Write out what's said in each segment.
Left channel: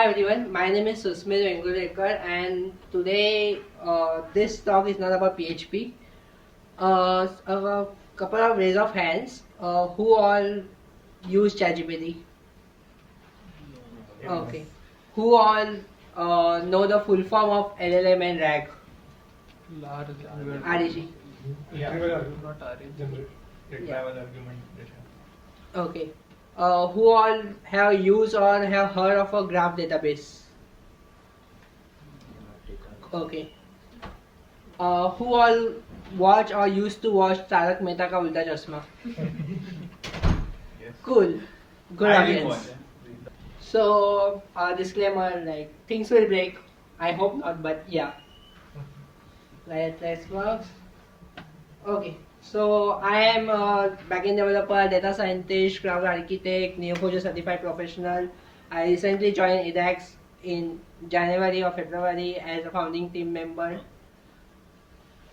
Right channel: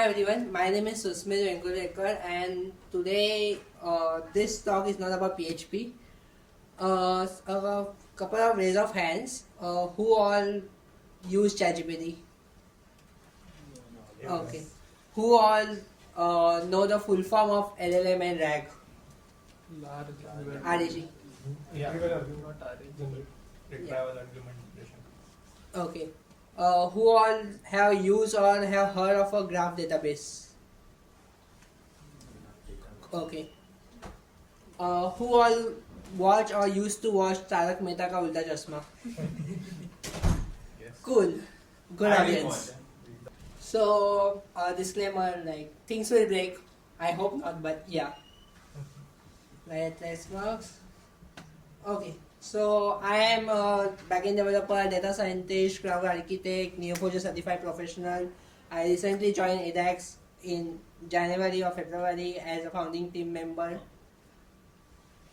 Hi everyone, my name is Susmit Venkutekar and today this talk is not about PHP. A couple of raise of hands who all use ChatGPT. Okay. Who all know the full form of LLM and RAG? RAG. Yeah. Not RAG. Retrieval argumentation. Okay. Who all have used or have heard of a graph database? Okay. Who all watch or used to watch Tarak Mehta Ka Ulta Chashma? Yes. Cool. Good I didn't audience. watch it. So, disclaimer, like, things will break. I hope not, but yeah. Let's work. Okay. So, I am a backend developer, data scientist, cloud architect, Neo4j certified professional. I recently joined EDAX in January or February as a founding team member.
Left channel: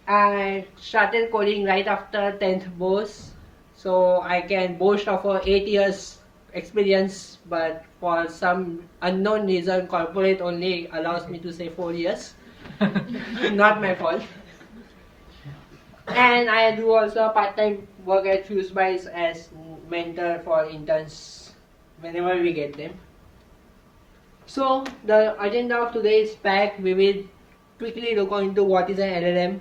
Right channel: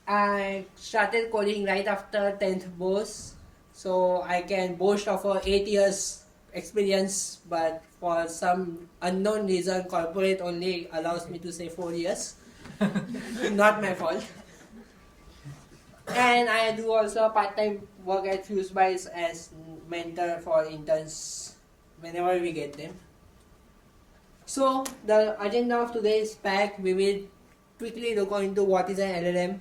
I started coding right after 10th BOS, so I can boast of a 8 years experience, but for some unknown reason corporate only allows me to say 4 years. Not my fault. And I do also part-time work at FuseBytes as mentor for interns whenever we get them. So the agenda of today is packed. We will quickly look into what is an LLM,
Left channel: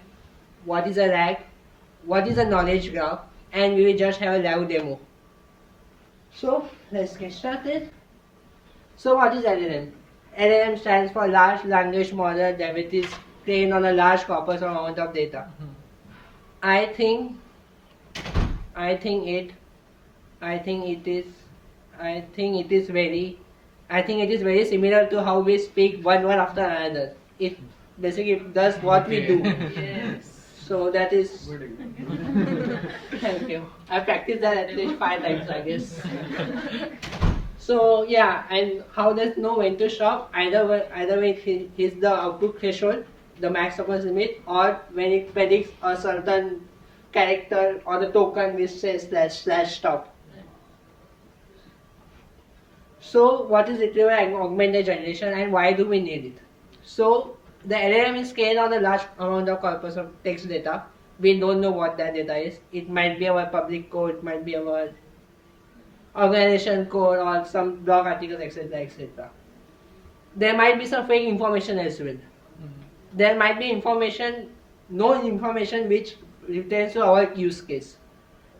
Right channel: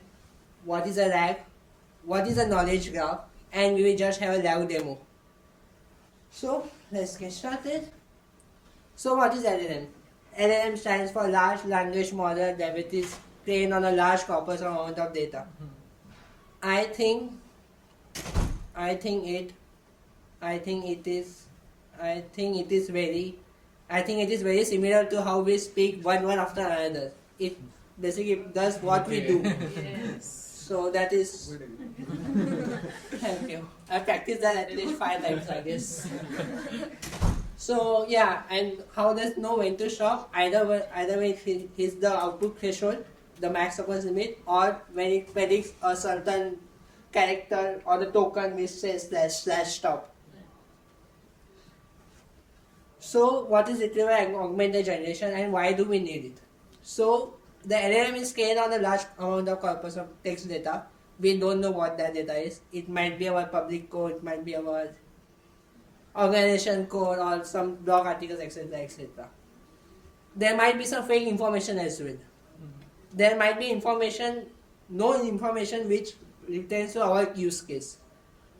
what is a RAG, what is a knowledge graph, and we will just have a live demo. So let's get started. So what is LLM? LLM stands for Large Language Model that is trained on a large corpus amount of data. I think it is very similar to how we speak one word after another. It basically does what we do. Yes. So that is. Thank you. I practiced that at least 5 times, I guess. So yeah, and how does know when to stop? Either way it hits the output threshold, the max upper limit, or when it predicts a certain character or the token which says / stop. So what is retrieval augmented generation and why do we need it? So the LLM is scaled on a large amount of corpus of text data. We don't know what that data is. It might be our public code, it might be our organization code or some blog articles, etc. etc. There might be some fake information as well. There might be no information which pertains to our use case.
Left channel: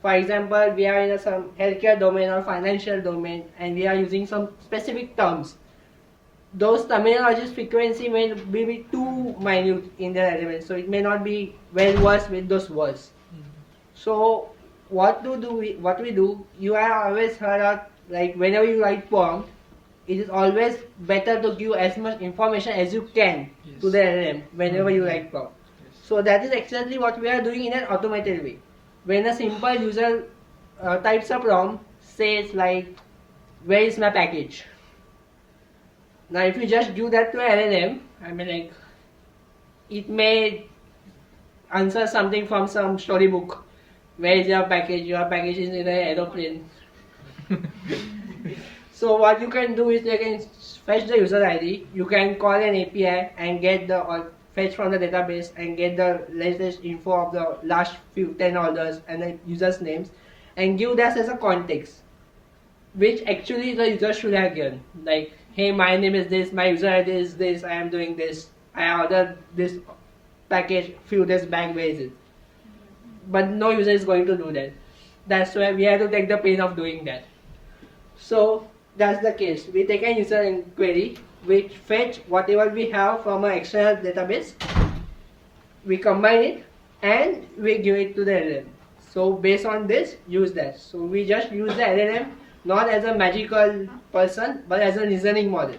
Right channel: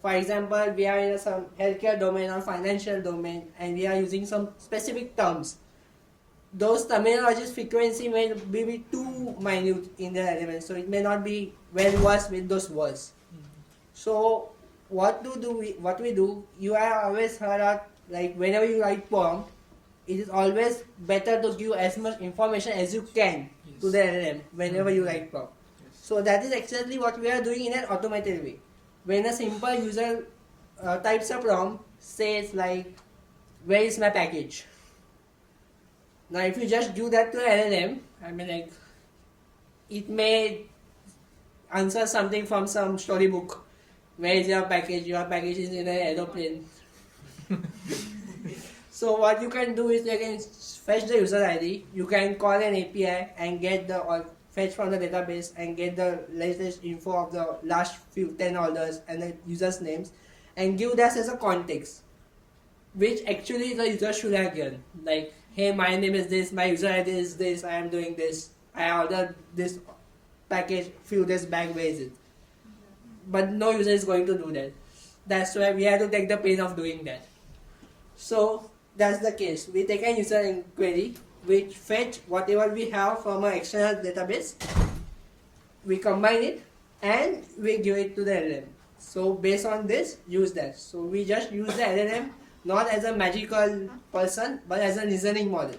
For example, we are in some healthcare domain or financial domain and we are using some specific terms. Those terminologies frequency may be too minute in their relevance, so it may not be well versed with those words. So what we do, you have always heard of, like, whenever you write prompt, it is always better to give as much information as you can to the LLM whenever you write prompt. So that is exactly what we are doing in an automated way. When a simple user types a prompt, says like, where is my package? Now if you just give that to LLM, I mean, like, it may answer something from some storybook. Where is your package? Your package is in an aeroplane. So what you can do is you can fetch the user ID, you can call an API and get or fetch from the database and get the latest info of the last 10 orders and the user's names and give that as a context, which actually the user should have given. Like, hey, my name is this, my user ID is this, I am doing this, I ordered this package few days back, where is it? But no user is going to do that. That's why we have to take the pain of doing that. So that's the case. We take a user inquiry, we fetch whatever we have from an external database, we combine it, and we give it to the LLM. So based on this, use that. So we just use the LLM not as a magical person, but as a reasoning model.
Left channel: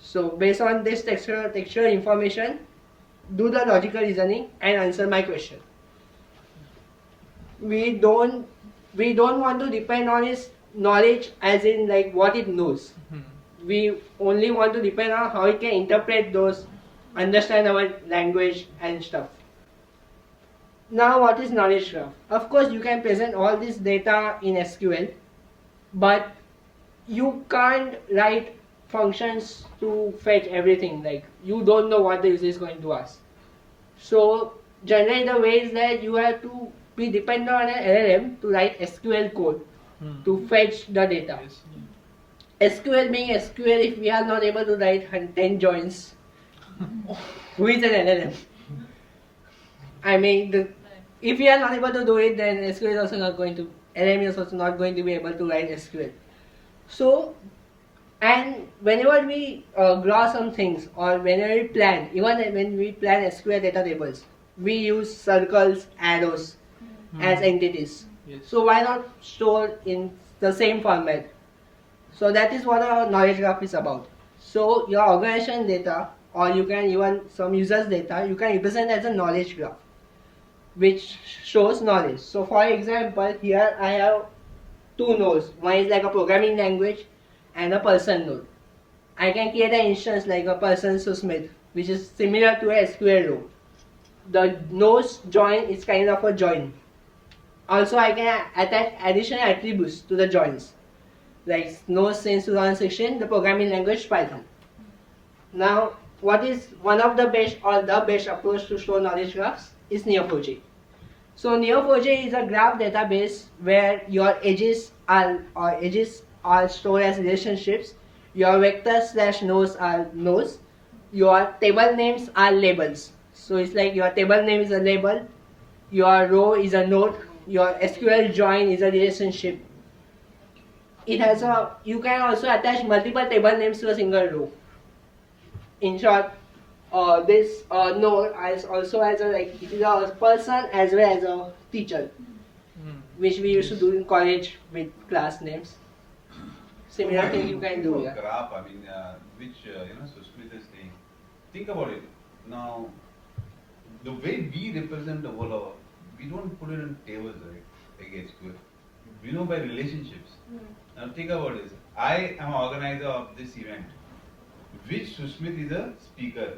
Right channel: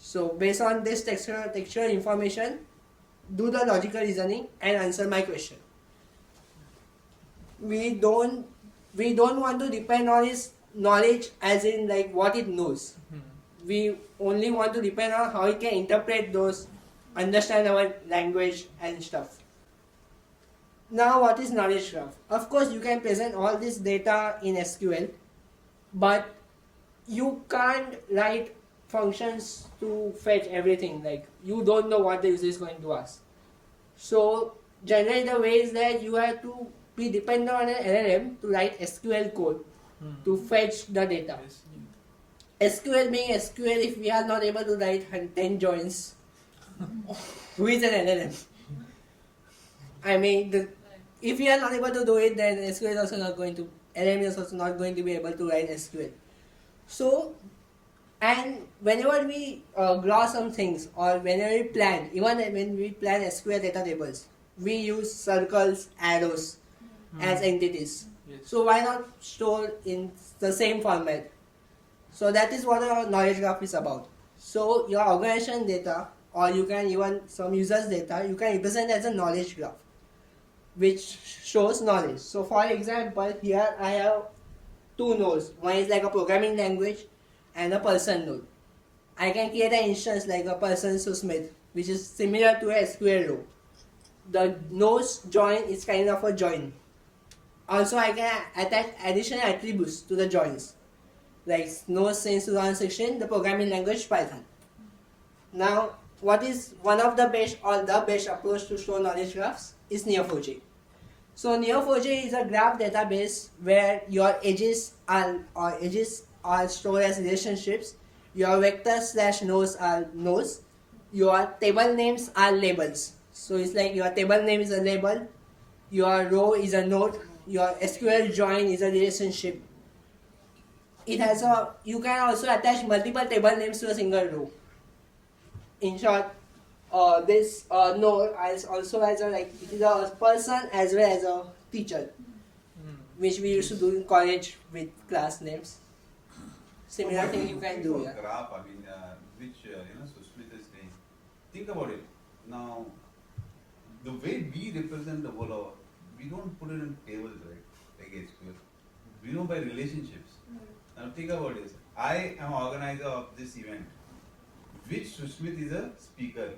So based on this textual information, do the logical reasoning and answer my question. We don't want to depend on its knowledge as in like what it knows. We only want to depend on how it can interpret those, understand our language and stuff. Now what is knowledge graph? Of course you can present all this data in SQL, but you can't write functions to fetch everything. Like you don't know what the user is going to ask. So generally the way is that you have to be dependent on an LLM to write SQL code to fetch the data. SQL being SQL, if we are not able to write 10 joins, who is an LLM? I mean, if we are not able to do it, then SQL is also not going to, LLM is also not going to be able to write SQL. So, and whenever we draw some things or whenever we plan, even when we plan SQL data tables, we use circles, arrows as entities. Yes. So why not store in the same format? So that is what our knowledge graph is about. So your organization data, or you can even some users data, you can represent as a knowledge graph, which shows knowledge. So for example, here I have two nodes. One is like a programming language and a person node. I can create an instance like a person Smith, which is similar to a SQL row. The nodes join is kind of a join. Also, I can attach additional attributes to the joins, like node since 2016, the programming language Python. Now, what is one of the best or the best approach to store knowledge graphs is Neo4j. So Neo4j is a graph database where your edges are stored as relationships, your vectors / nodes are nodes, your table names are labels. So it's like your table name is a label, your row is a node, your SQL join is a relationship. It has you can also attach multiple table names to a single row. In short, this node also has it is a person as well as a teacher, which we used to do in college with class names. Similar thing you can do. Yeah. Graph, I mean, which Susmit is saying. Think about it. Now, the way we represent the world, we don't put it in tables, right? Like SQL. We know by relationships. Now think about this. I am an organizer of this event. Which Susmit is a speaker.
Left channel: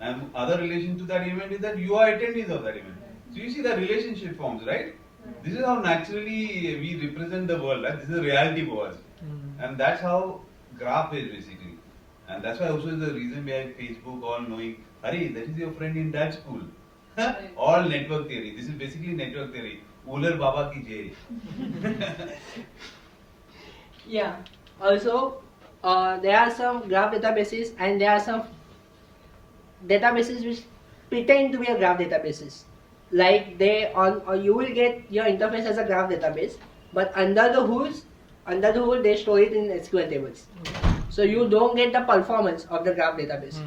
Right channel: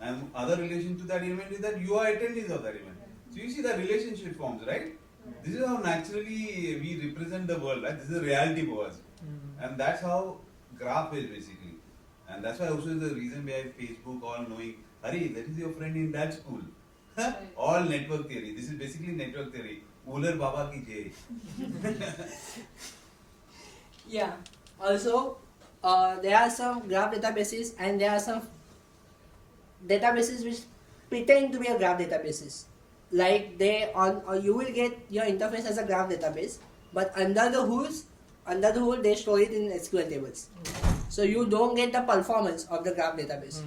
And other relation to that event is that you are attendees of that event. So you see the relationship forms, right? This is how naturally we represent the world, right? This is reality for us. And that's how graph is basically. And that's why also is the reason behind Facebook all knowing, Hari, that is your friend in that school. All network theory. This is basically network theory. Ular Baba ki jai. Yeah. Also, there are some graph databases and there are some databases which pretend to be a graph databases. Like you will get your interface as a graph database, but under the hood they store it in SQL tables. So you don't get the performance of the graph database.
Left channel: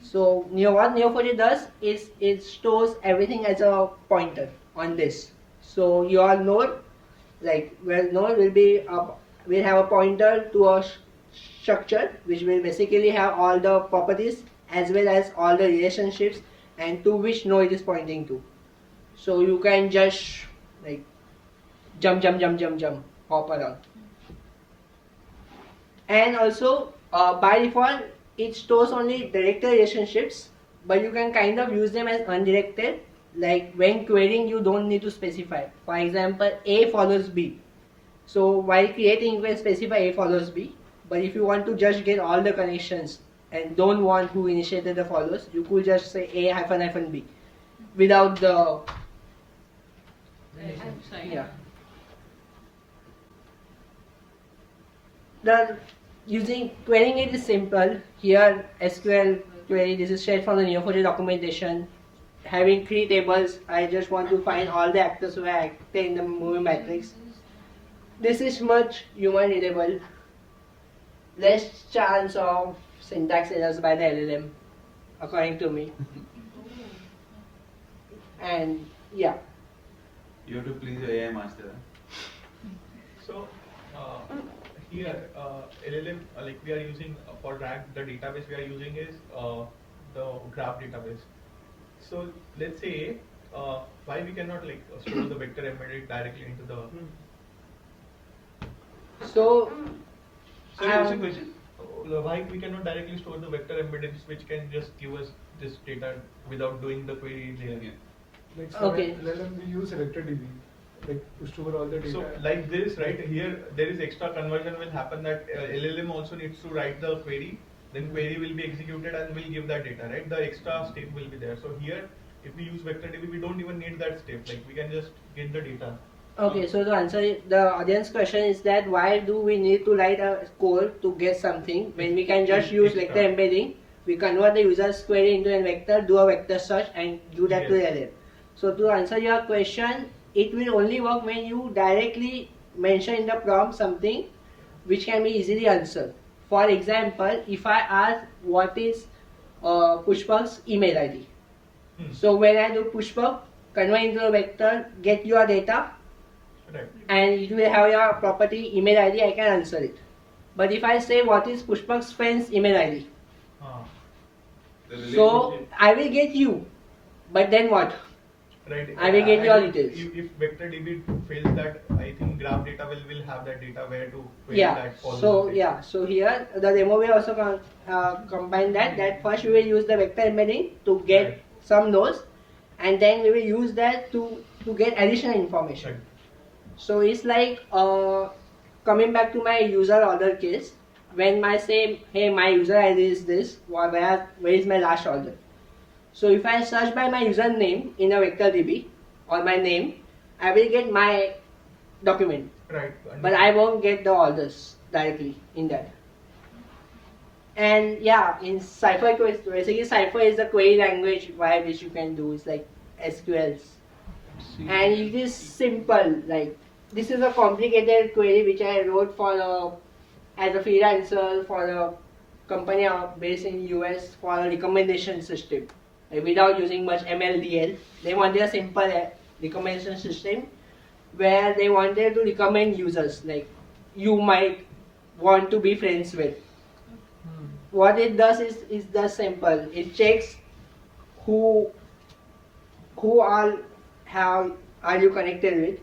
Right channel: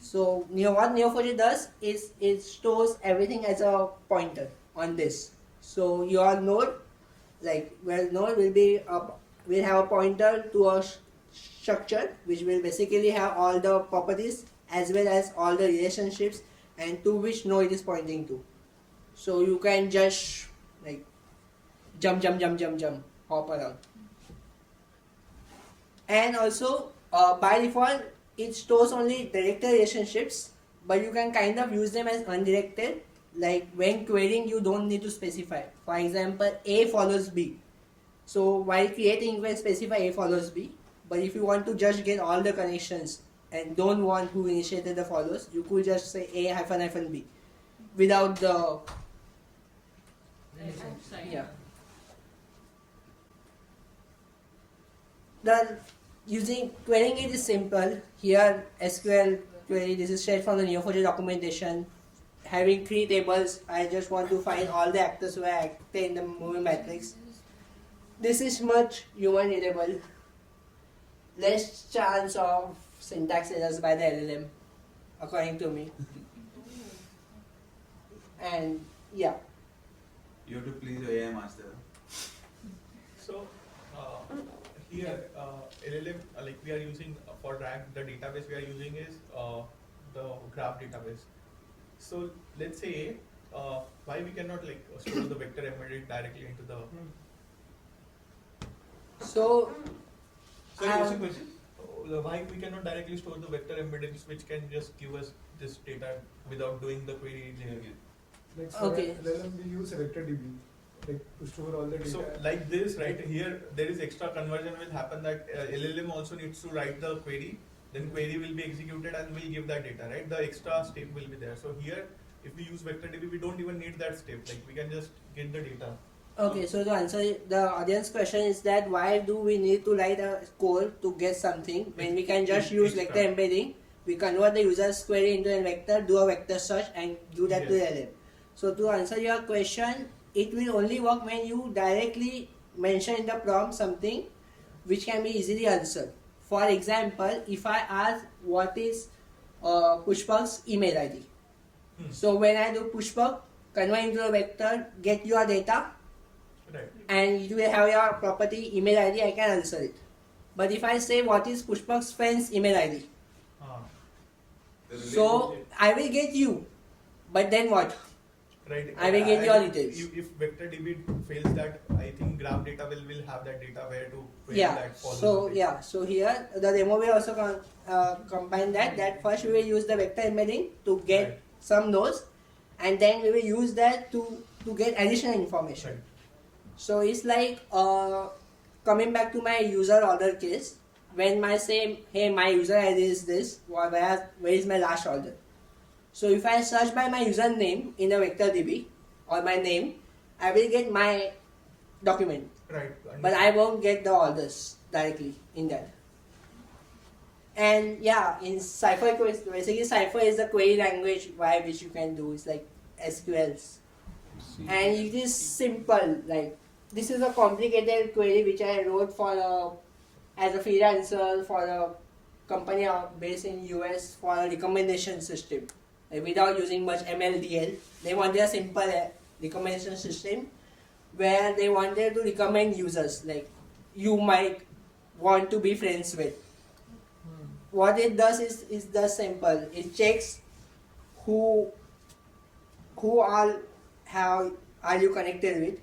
So what Neo4j does is it stores everything as a pointer on this. So your node, node will have a pointer to a structure which will basically have all the properties as well as all the relationships and to which node it is pointing to. So you can just jump, hop around. And also by default it stores only directed relationships, but you can kind of use them as undirected. Like when querying, you don't need to specify. For example, A follows B. So while creating, you can specify A follows B. But if you want to just get all the connections and don't want who initiated the follows, you could just say A -- B without the yeah. Using querying it is simple. Here SQL query, this is straight from the Neo4j documentation. Having 3 tables, I just want to find all the actors who are active in the movie matrix. This is much human readable. Less chance of syntax errors by the LLM, according to me. And yeah. You have to please your AI master. So here LLM we are using for RAG, the database we are using is the graph database. So let's say why we cannot store the vector embedded directly into the. So What's your question? Why we cannot directly store the vector embeddings which can just give us this data without doing the query layer? Like for Okay. LLM we use vector DB. like pushed over all the data. So like this, right here, there is extra conversion will happen that LLM also needs to write the query, then query will be executed and will give that data, right? The extra step will be there. So here, if we use vector DB, we don't even need that step. Like we can just get the data. Okay, so to answer the audience question is that why do we need to write a code to get something when we can just use Extra. vector embedding? We convert the user's query into a vector, do a vector search, and do that to the Yes. LLM. So to answer your question, it will only work when you directly mention in the prompt something which can be easily answered. For example, if I ask what is Pushpak's email ID, so when I do Pushpak, convert into a vector, get your data, Right. and it will have your property email ID, I can answer it. But if I say what is Pushpak's friend's email ID, The so relationship- I will get you, but then what? Right. I will get your details. If vector DB fails that, I think graph data will have that data where to query Yeah. that. follow So the thing. yeah. So here the demo will also combine that first we will use the vector embedding to get Right. some nodes, and then we will use that to get additional information. Right. So it's like coming back to my user order case. When I say, hey, my user ID is this, where is my last order? So if I search by my username in a vector DB or my name, I will get my document, Right. but I won't get the orders directly in that. And yeah, in Cypher, basically Cypher is the query language by which you can do. It's like SQLs. And it is simple. Like this is a complicated query which I wrote as a freelancer for a company based in US for a recommendation system, like, without using much MLDL. They wanted a simple recommendation system where they wanted to recommend users like you might want to be friends with. What it does is the simple. It checks who are you connected with,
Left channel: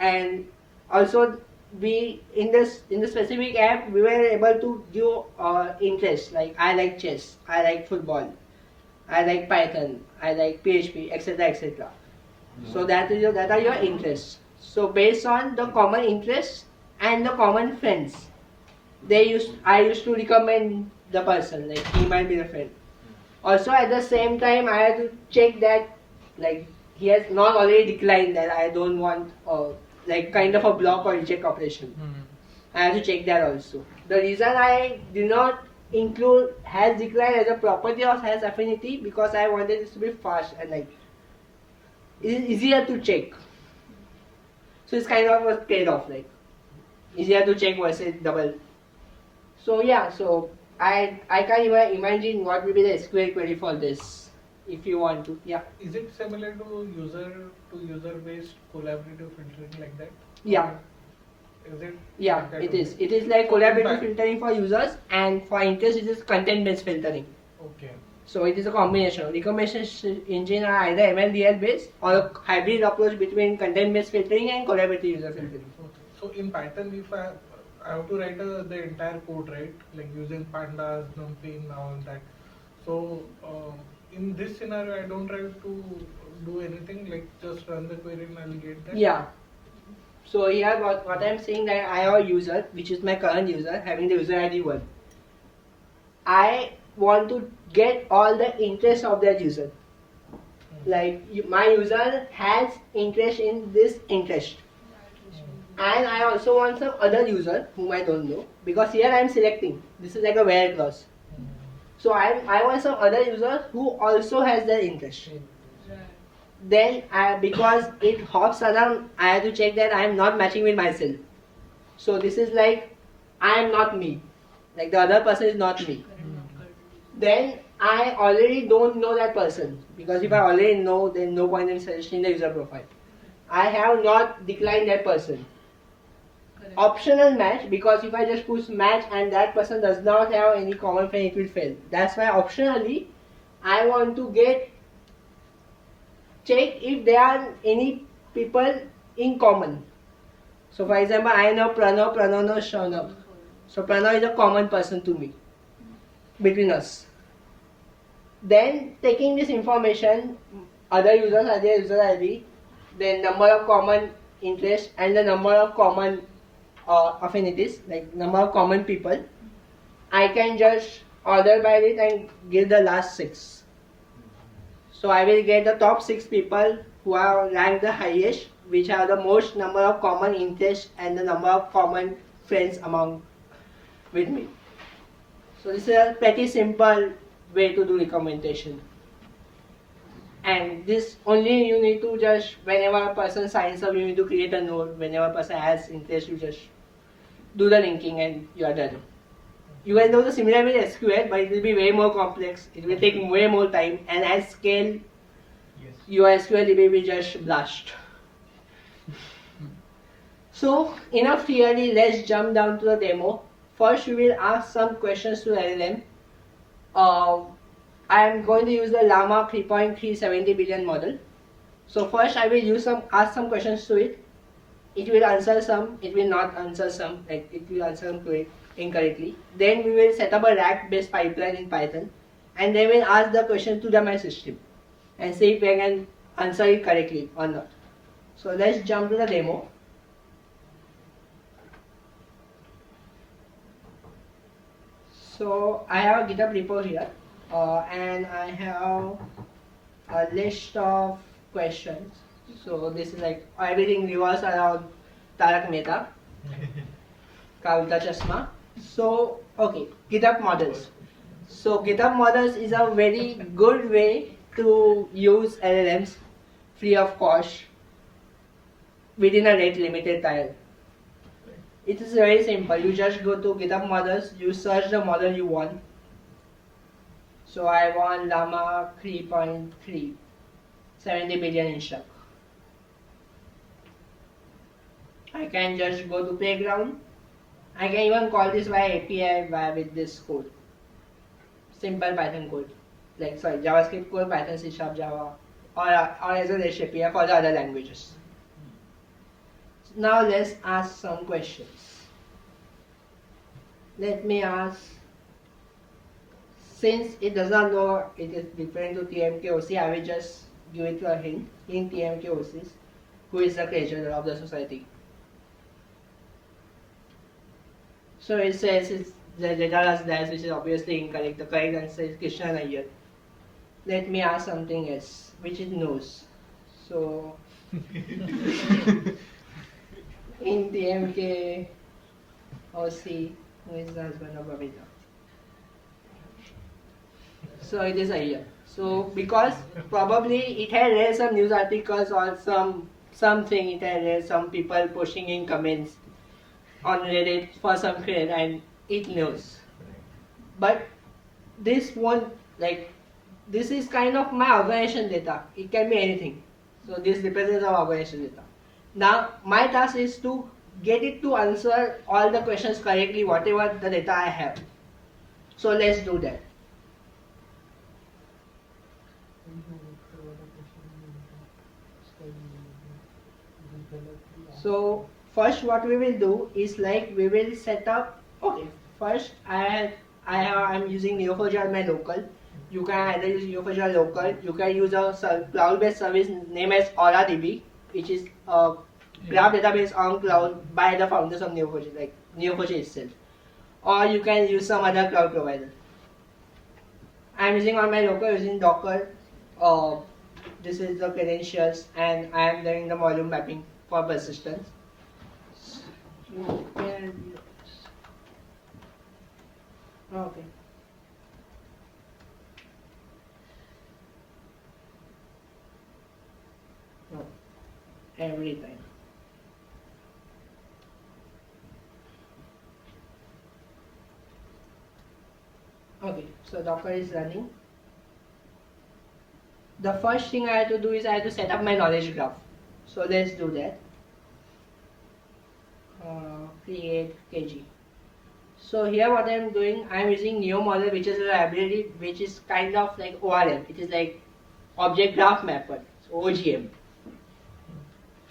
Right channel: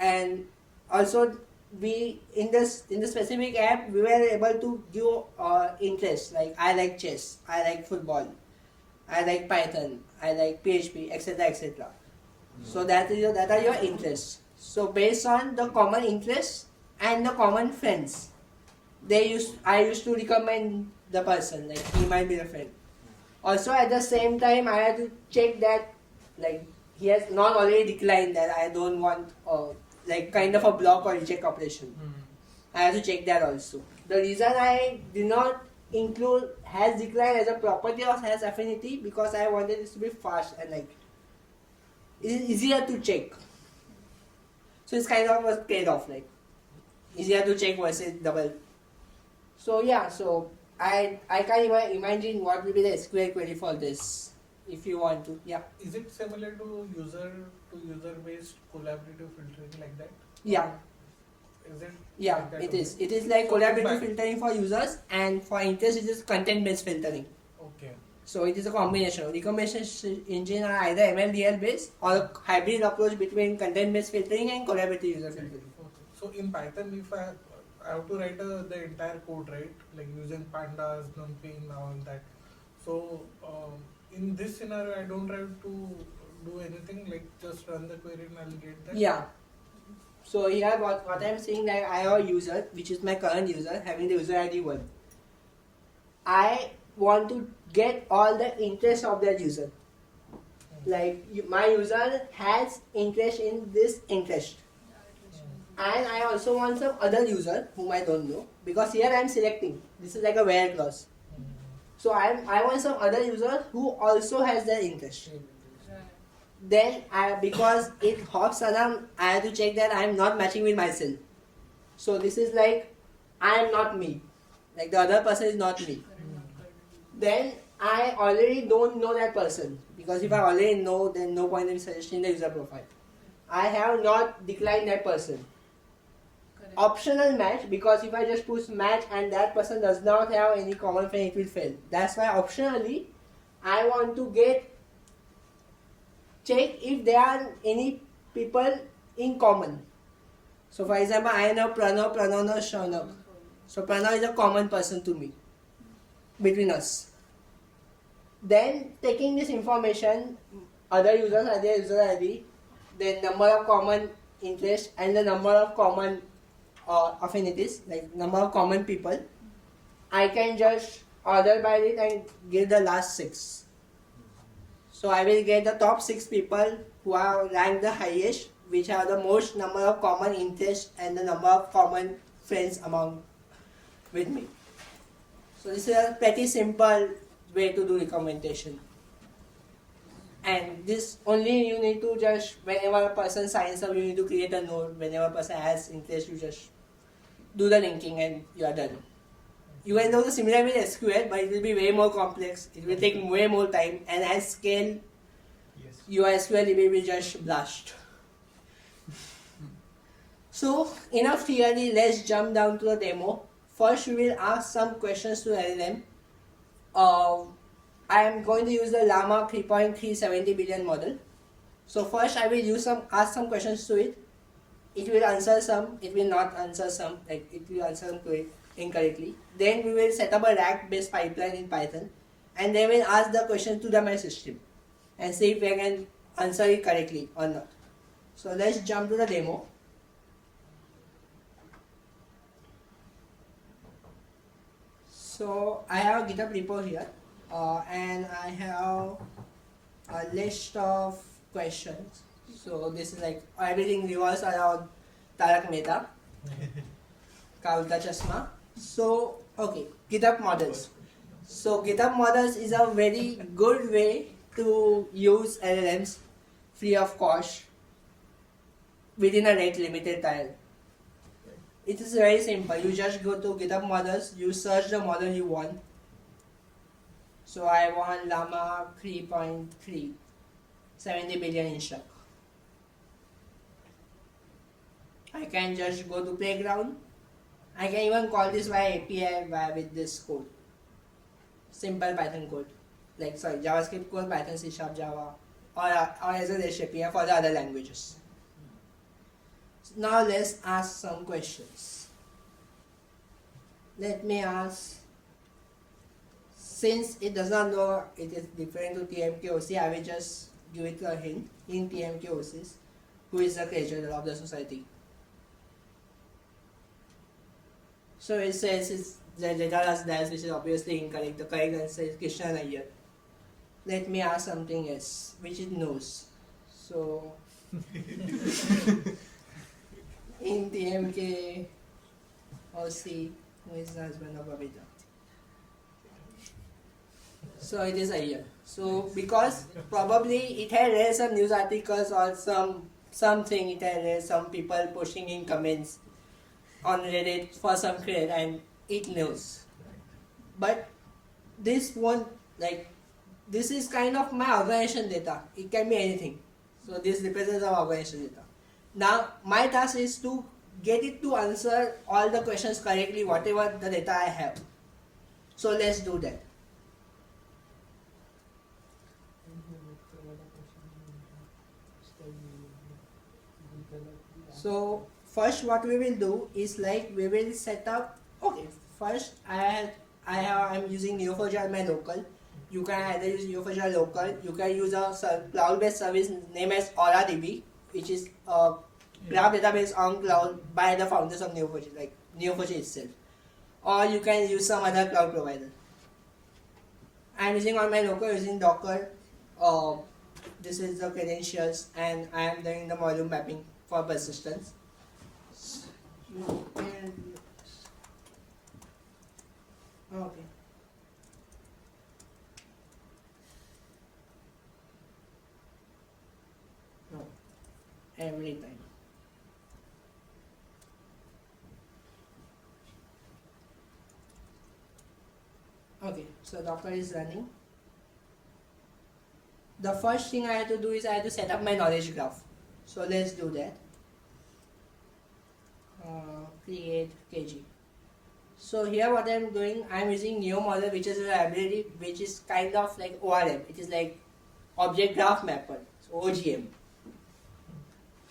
and also we in the specific app we were able to give interest, like I like chess, I like football, I like Python, I like PHP, etc., etc. So that are your interests. So based on the common interests and the common friends, I used to recommend the person, like he might be the friend. Also at the same time I had to check that like he has not already declined that I don't want like kind of a block or reject operation. I have to check that also. The reason I did not include has declined as a property or has affinity because I wanted this to be fast and like it is easier to check. So it's kind of a trade-off, like easier to check versus double. So yeah, so I can't even imagine what will be the SQL query for this if you want to. Yeah. Is it similar to user based collaborative filtering like that? Yeah. Is it? Yeah, like that it only? is. It is like So collaborative in fact- filtering for users, and for interest it is content-based filtering. Okay. So it is a combination. Recommendation engine are either MLDL based or a hybrid approach between content-based filtering and collaborative user filtering. Okay. So in Python, if I have to write the entire code, right? Like using pandas, numpy, and all that. So in this scenario, I don't have to do anything. Like just run the query and I'll get that. Yeah. So here what I'm saying that I have a user, which is my current user, having the user ID 1. I want to get all the interest of that user. Like my user has interest in this interest. And I also want some other user whom I don't know, because here I am selecting. This is like a where clause. So I want some other user who also has that interest. Then because it hops around, I have to check that I am not matching with myself. So this is like I am not me. Like the other person is not me. Then I already don't know that person, because if I already know, then no point in suggesting the user profile. I have not declined that person. Optional match, because if I just push match and that person does not have any common friend, it will fail. That's why optionally I want to check if there are any people in common. So for example, I know Pranav knows Shaunak. So Pranav is a common person to me, between us. Then taking this information, other users are their user ID, then number of common interests and the number of common affinities, like number of common people, I can just order by it and give the last 6. So I will get the top 6 people who are ranked the highest, which have the most number of common interests and the number of common friends among with me. So this is a pretty simple way to do recommendation. And this only you need to just, whenever a person signs up, you need to create a node. Whenever a person has interest, you just do the linking and you are done. You can do the similar with SQL, but it will be way more complex. It will take way more time, and at scale, Yes. your SQL DB will just blast. So, enough theory, let's jump down to the demo. First, we will ask some questions to LLM. I am going to use the Llama 3.370 billion model. So first, I will ask some questions to it. It will answer some, it will not answer some, like it will answer them incorrectly. Then we will set up a RAG-based pipeline in Python, and then we'll ask the question to my system and see if we can answer it correctly or not. So let's jump to the demo. So I have a GitHub repo here, and I have a list of questions. So this is like everything revolves around Tarak Mehta, Kavita Chashma. So okay, GitHub models. So GitHub models is a very good way to use LLMs free of cost within a rate limited time. It is very simple. You just go to GitHub models, you search the model you want. So I want Llama 3.3, 70 billion instruct. I can just go to playground. I can even call this via API with this code. Simple Python code. Like JavaScript code, Python, C#, Java, or as a REST API for the other languages. Now let's ask some questions. Let me ask, since it does not know it is different to TMKOC, I will just give it a hint in TMKOCs, who is the creator of the society. So it says the data is dash, which is obviously incorrect. The correct answer is Krishna Nayyar. Let me ask something else, which it knows. So in TMK OC, who is the husband of Babita? So it is Ayyar. So because probably it had read some news articles or something, it had read some people pushing in comments on Reddit for some credit and it knows. But this won't, like, this is kind of my organization data. It can be anything. So this represents our organization data. Now my task is to get it to answer all the questions correctly, whatever the data I have. So let's do that. So first what we will do is like we will set up, okay, first I'm using Neo4j my local. You can either use Neo4j local, you can use a cloud-based service named as AuraDB, which is a graph database on cloud by the founders of Neo4j, like Neo4j itself. Or you can use some other cloud provider. I'm using on my local using Docker. This is the credentials, and I am doing the volume mapping for persistence. Okay. No. Every time. Okay, so Docker is running. The first thing I have to do is I have to set up my knowledge graph. So let's do that. Create KG. So here what I am doing, I am using Neo model, which is a library which is kind of like ORM. It is like Object Graph Mapper, so OGM.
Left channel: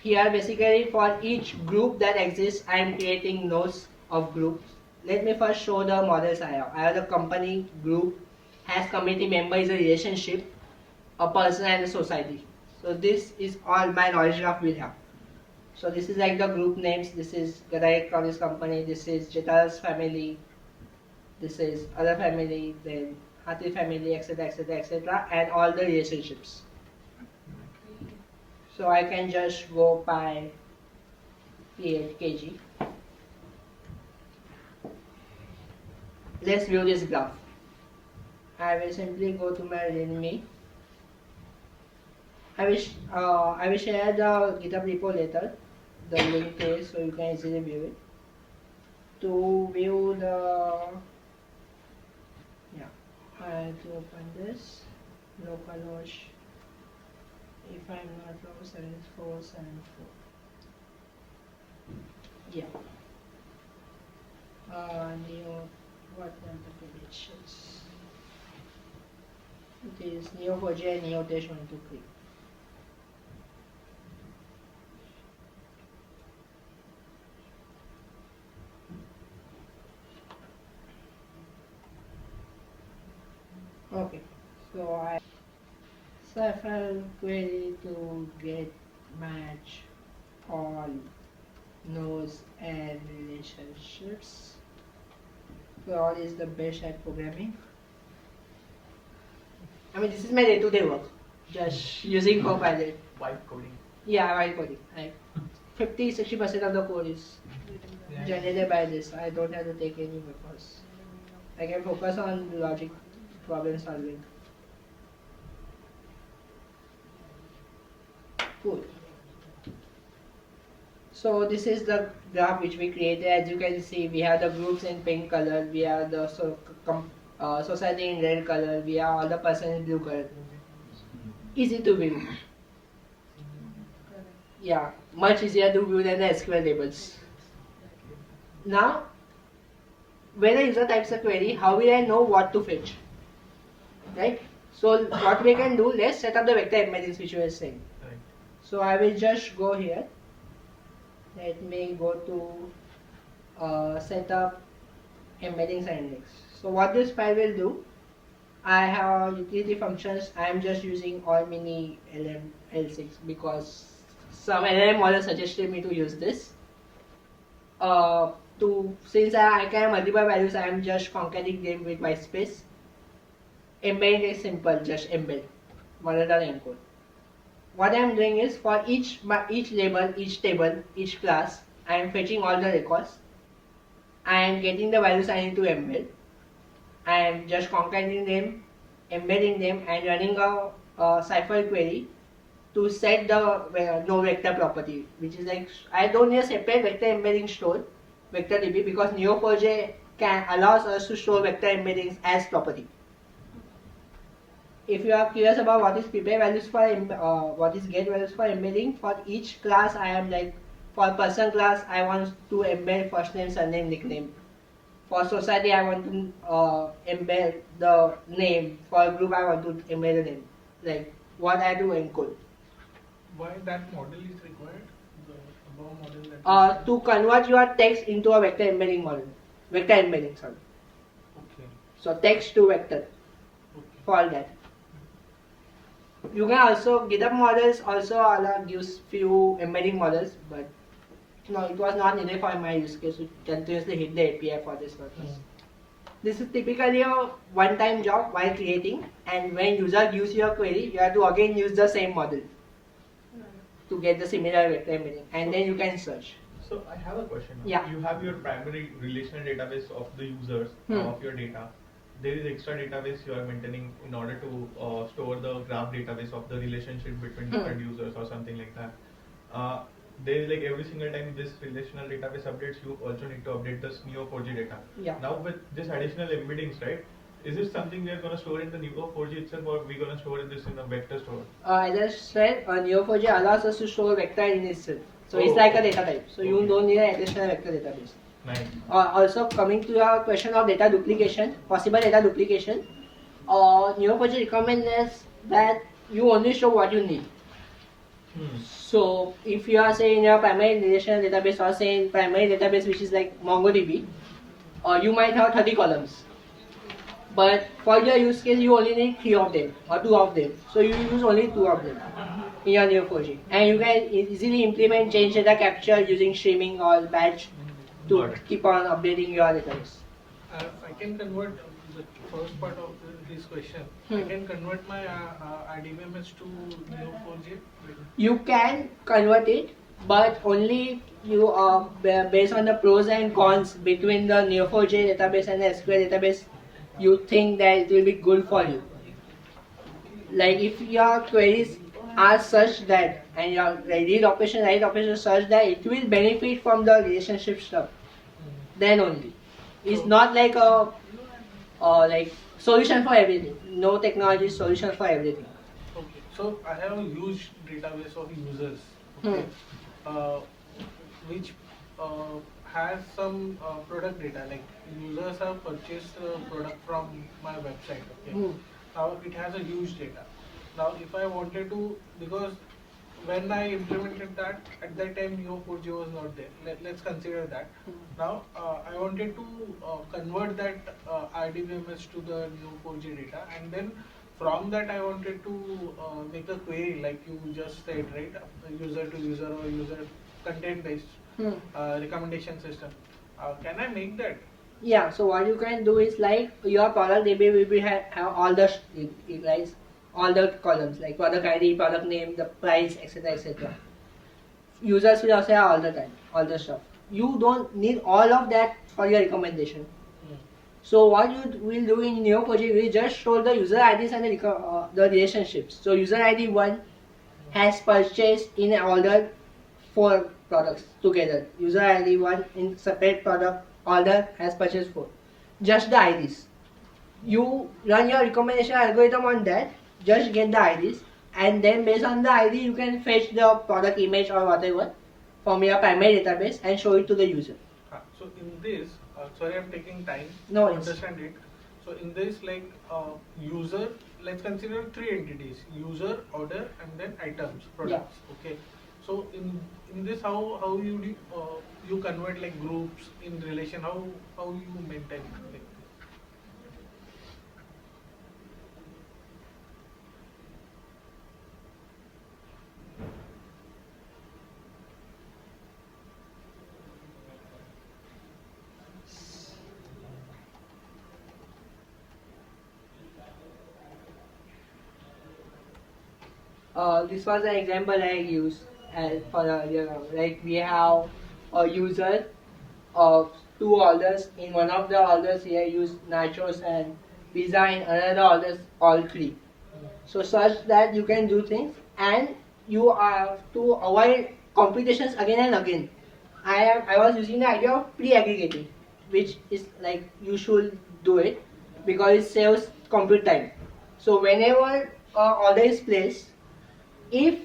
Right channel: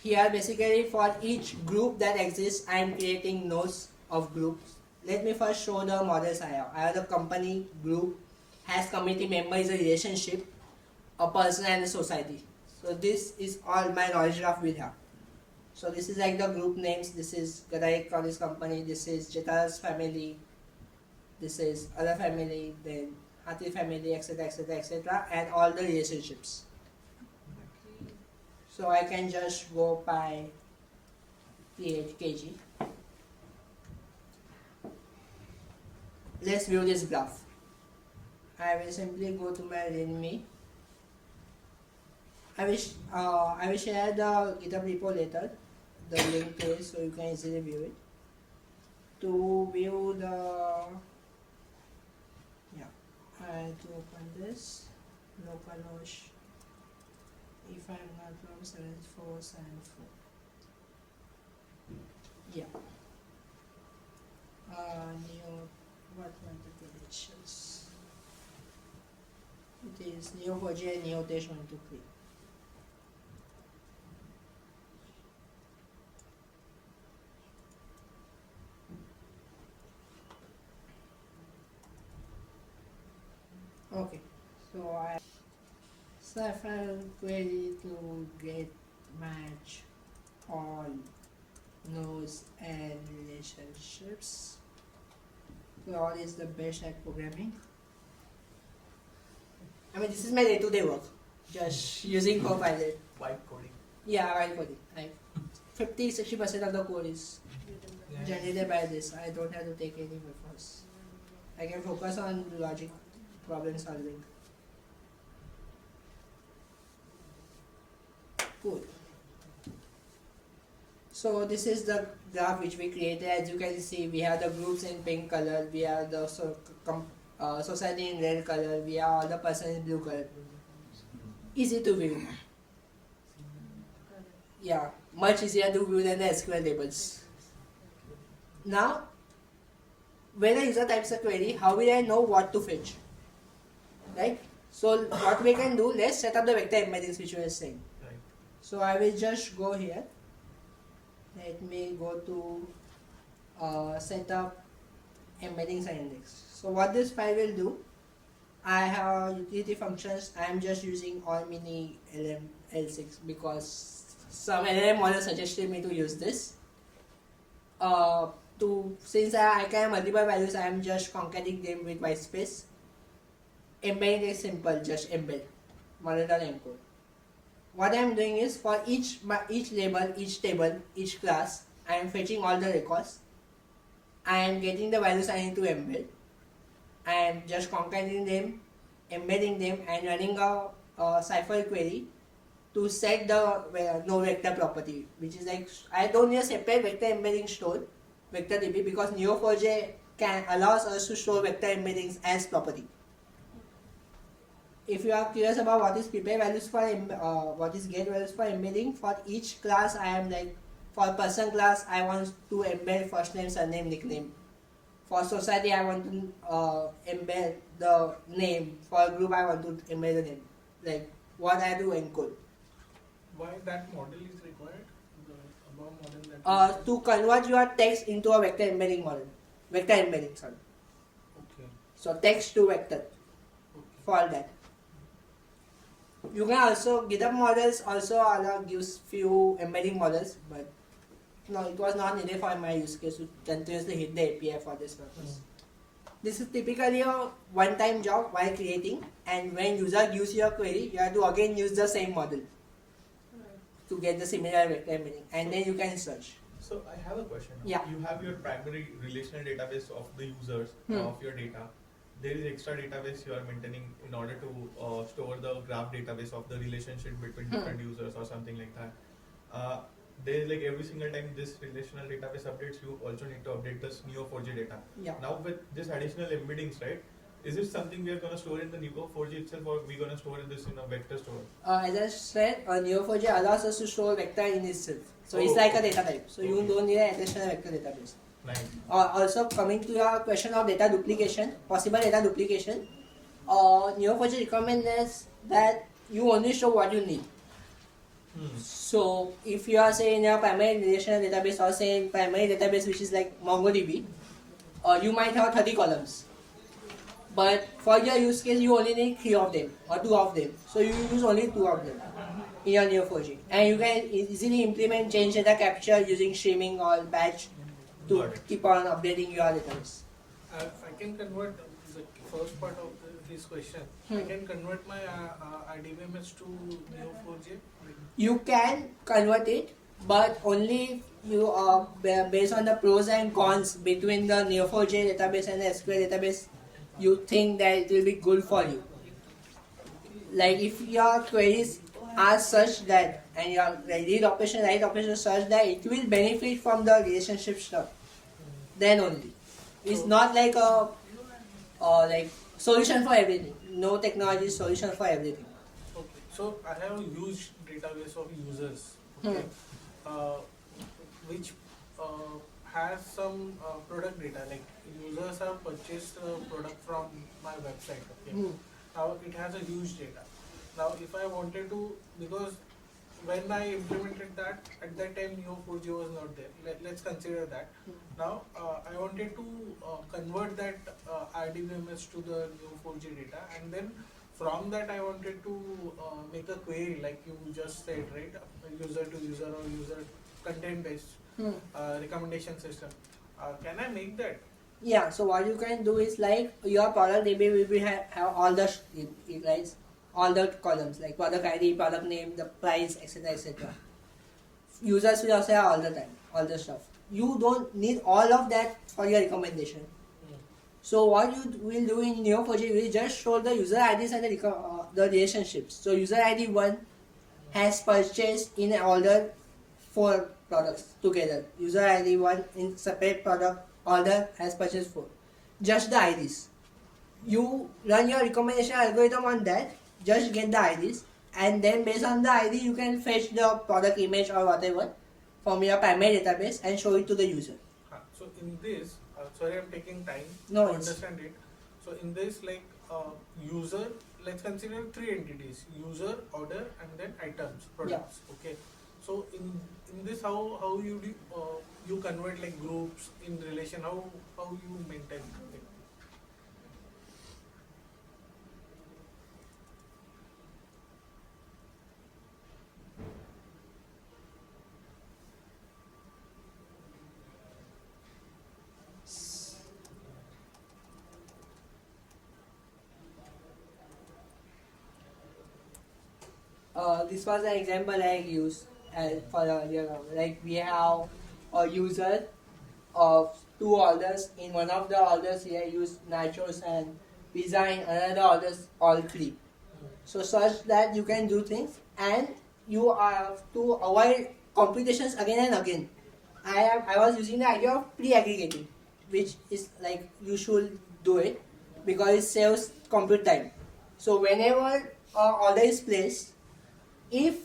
Here basically for each group that exists, I am creating nodes of groups. Let me first show the models I have. I have the company, group, has community member is a relationship, a person and a society. So this is all my knowledge graph will have. So this is like the group names. This is Gadai Electronics Company. This is Jeta's family. This is other family. Then Hathi family, etc., etc., etc., and all the relationships. So I can just go by kg. Let's view this graph. I will simply go to my readme. I will share the GitHub repo later, the link to it, so you can easily view it. To view the, I have to open this, localhost, if I'm not wrong, 7474. Yeah. What are the connections? It is Neo4j and Neo4j 123. Okay, so if I query to get match all nodes and relationships. All is the best at programming. I mean, this is my day-to-day work, just using Copilot. Vibe coding. Yeah, while coding. Like 50-60% of the code is generated by this. I don't have to take any efforts. I can focus on logic problem solving. Cool. So this is the graph which we created. As you can see, we have the groups in pink color, we have the society in red color, we have all the person in blue color. Easy to view. Yeah, much easier to view than the SQL tables. Now, when a user types a query, how will I know what to fetch? Right? So what we can do, let's set up the vector embeddings which we were saying. Right. So I will just go here. Let me go to set up embeddings and index. So what this file will do, I have utility functions. I am just using all mini L6 because some LLM model suggested me to use this. Since I can have multiple values, I am just concatenating them with white space. Embedding is simple, just embed model.encode. What I am doing is for each label, each table, each class, I am fetching all the records. I am getting the values I need to embed. I am just concatenating them, embedding them, and running a cipher query to set the no vector property, which is like I don't need a separate vector embedding store, vector DB, because Neo4j allows us to store vector embeddings as property. If you are curious about what is prepare values for what is get values for embedding, for each class I am like, for person class I want to embed first name, surname, nickname. For society I want to embed the name. For group I want to embed the name. Like what I do encode. Why that model is required? The above model that To convert your text into a vector embedding model. Vector embedding, sorry. Okay. So text to vector. Okay. For all that. You can also, GitHub models also gives few embedding models, but no, it was not needed for my use case to continuously hit the API for this purpose. This is typically a one-time job while creating, and when user gives you a query, you have to again use the same model to get the similar vector embedding, and then you can search. So I have a question. Yeah. You have your primary relational database of the users of your data. There is extra database you are maintaining in order to store the graph database of the relationship between different users or something like that. There is like every single time this relational database updates, you also need to update this Neo4j data. Yeah. Now with this additional embeddings, right? Is it something we are going to store in the Neo4j itself, or we going to store this in a vector store? As I said, Neo4j allows us to store vector in itself. So it's Oh, like a okay. data type. So you don't need an additional vector database. Nice. Also coming to your question of data duplication, possible data duplication, Neo4j recommends that you only show what you need. So if you are saying your primary relational database or say in primary database which is like MongoDB, you might have 30 columns. But for your use case, you only need 3 of them or 2 of them. So you use only 2 of them in your Neo4j. And you can easily implement change data capture using streaming or batch to Got it. keep on updating your database. I can convert the first part of this question. I can convert my RDBMS to Neo4j. You can convert it, but only if you are based on the pros and cons between the Neo4j database and the SQL database, you think that it will be good for you. Like if your queries are such that and your read operation, write operation is such that it will benefit from the relationship stuff, then only. It's not like a like solution for everything. No technology solution for everything. Okay. So I have a huge database of users. Okay. Which has some product data, like users have purchased the product from my website. Okay. Now it has a huge data. Now if I wanted to, because when I implemented that, at that time Neo4j was not there. Let's consider that. Now I wanted to convert that RDBMS to the Neo4j data, and then from that I wanted to make a query like you just said, right? User to user or user content based recommendation system. Can I make that? Yeah, so what you can do is like your product DB will be have all the like all the columns like product ID, product name, the price, etc. etc. Users will also have all the time, all the stuff. You don't need all of that for your recommendation. So what you will do in Neo4j, you will just show the user IDs and the relationships. So user ID 1 has purchased in an order 4 products together. User ID 1 in separate product order has purchased 4. Just the IDs. You run your recommendation algorithm on that, just get the IDs, and then based on the ID you can fetch the product image or whatever from your primary database and show it to the user. So in this, sorry I'm taking time No, to it's- understand it. So in this, like user, let's consider 3 entities: user, order, and then items, products. Okay. So in this, how you convert like groups in relation? How you maintain it? Like, This was an example I used for like we have a user of 2 orders. In one of the orders here use nachos and pizza, in another orders all 3. So such that you can do things and you have to avoid computations again and again. I was using the idea of pre-aggregating, which is like you should do it because it saves compute time. So whenever order is placed, if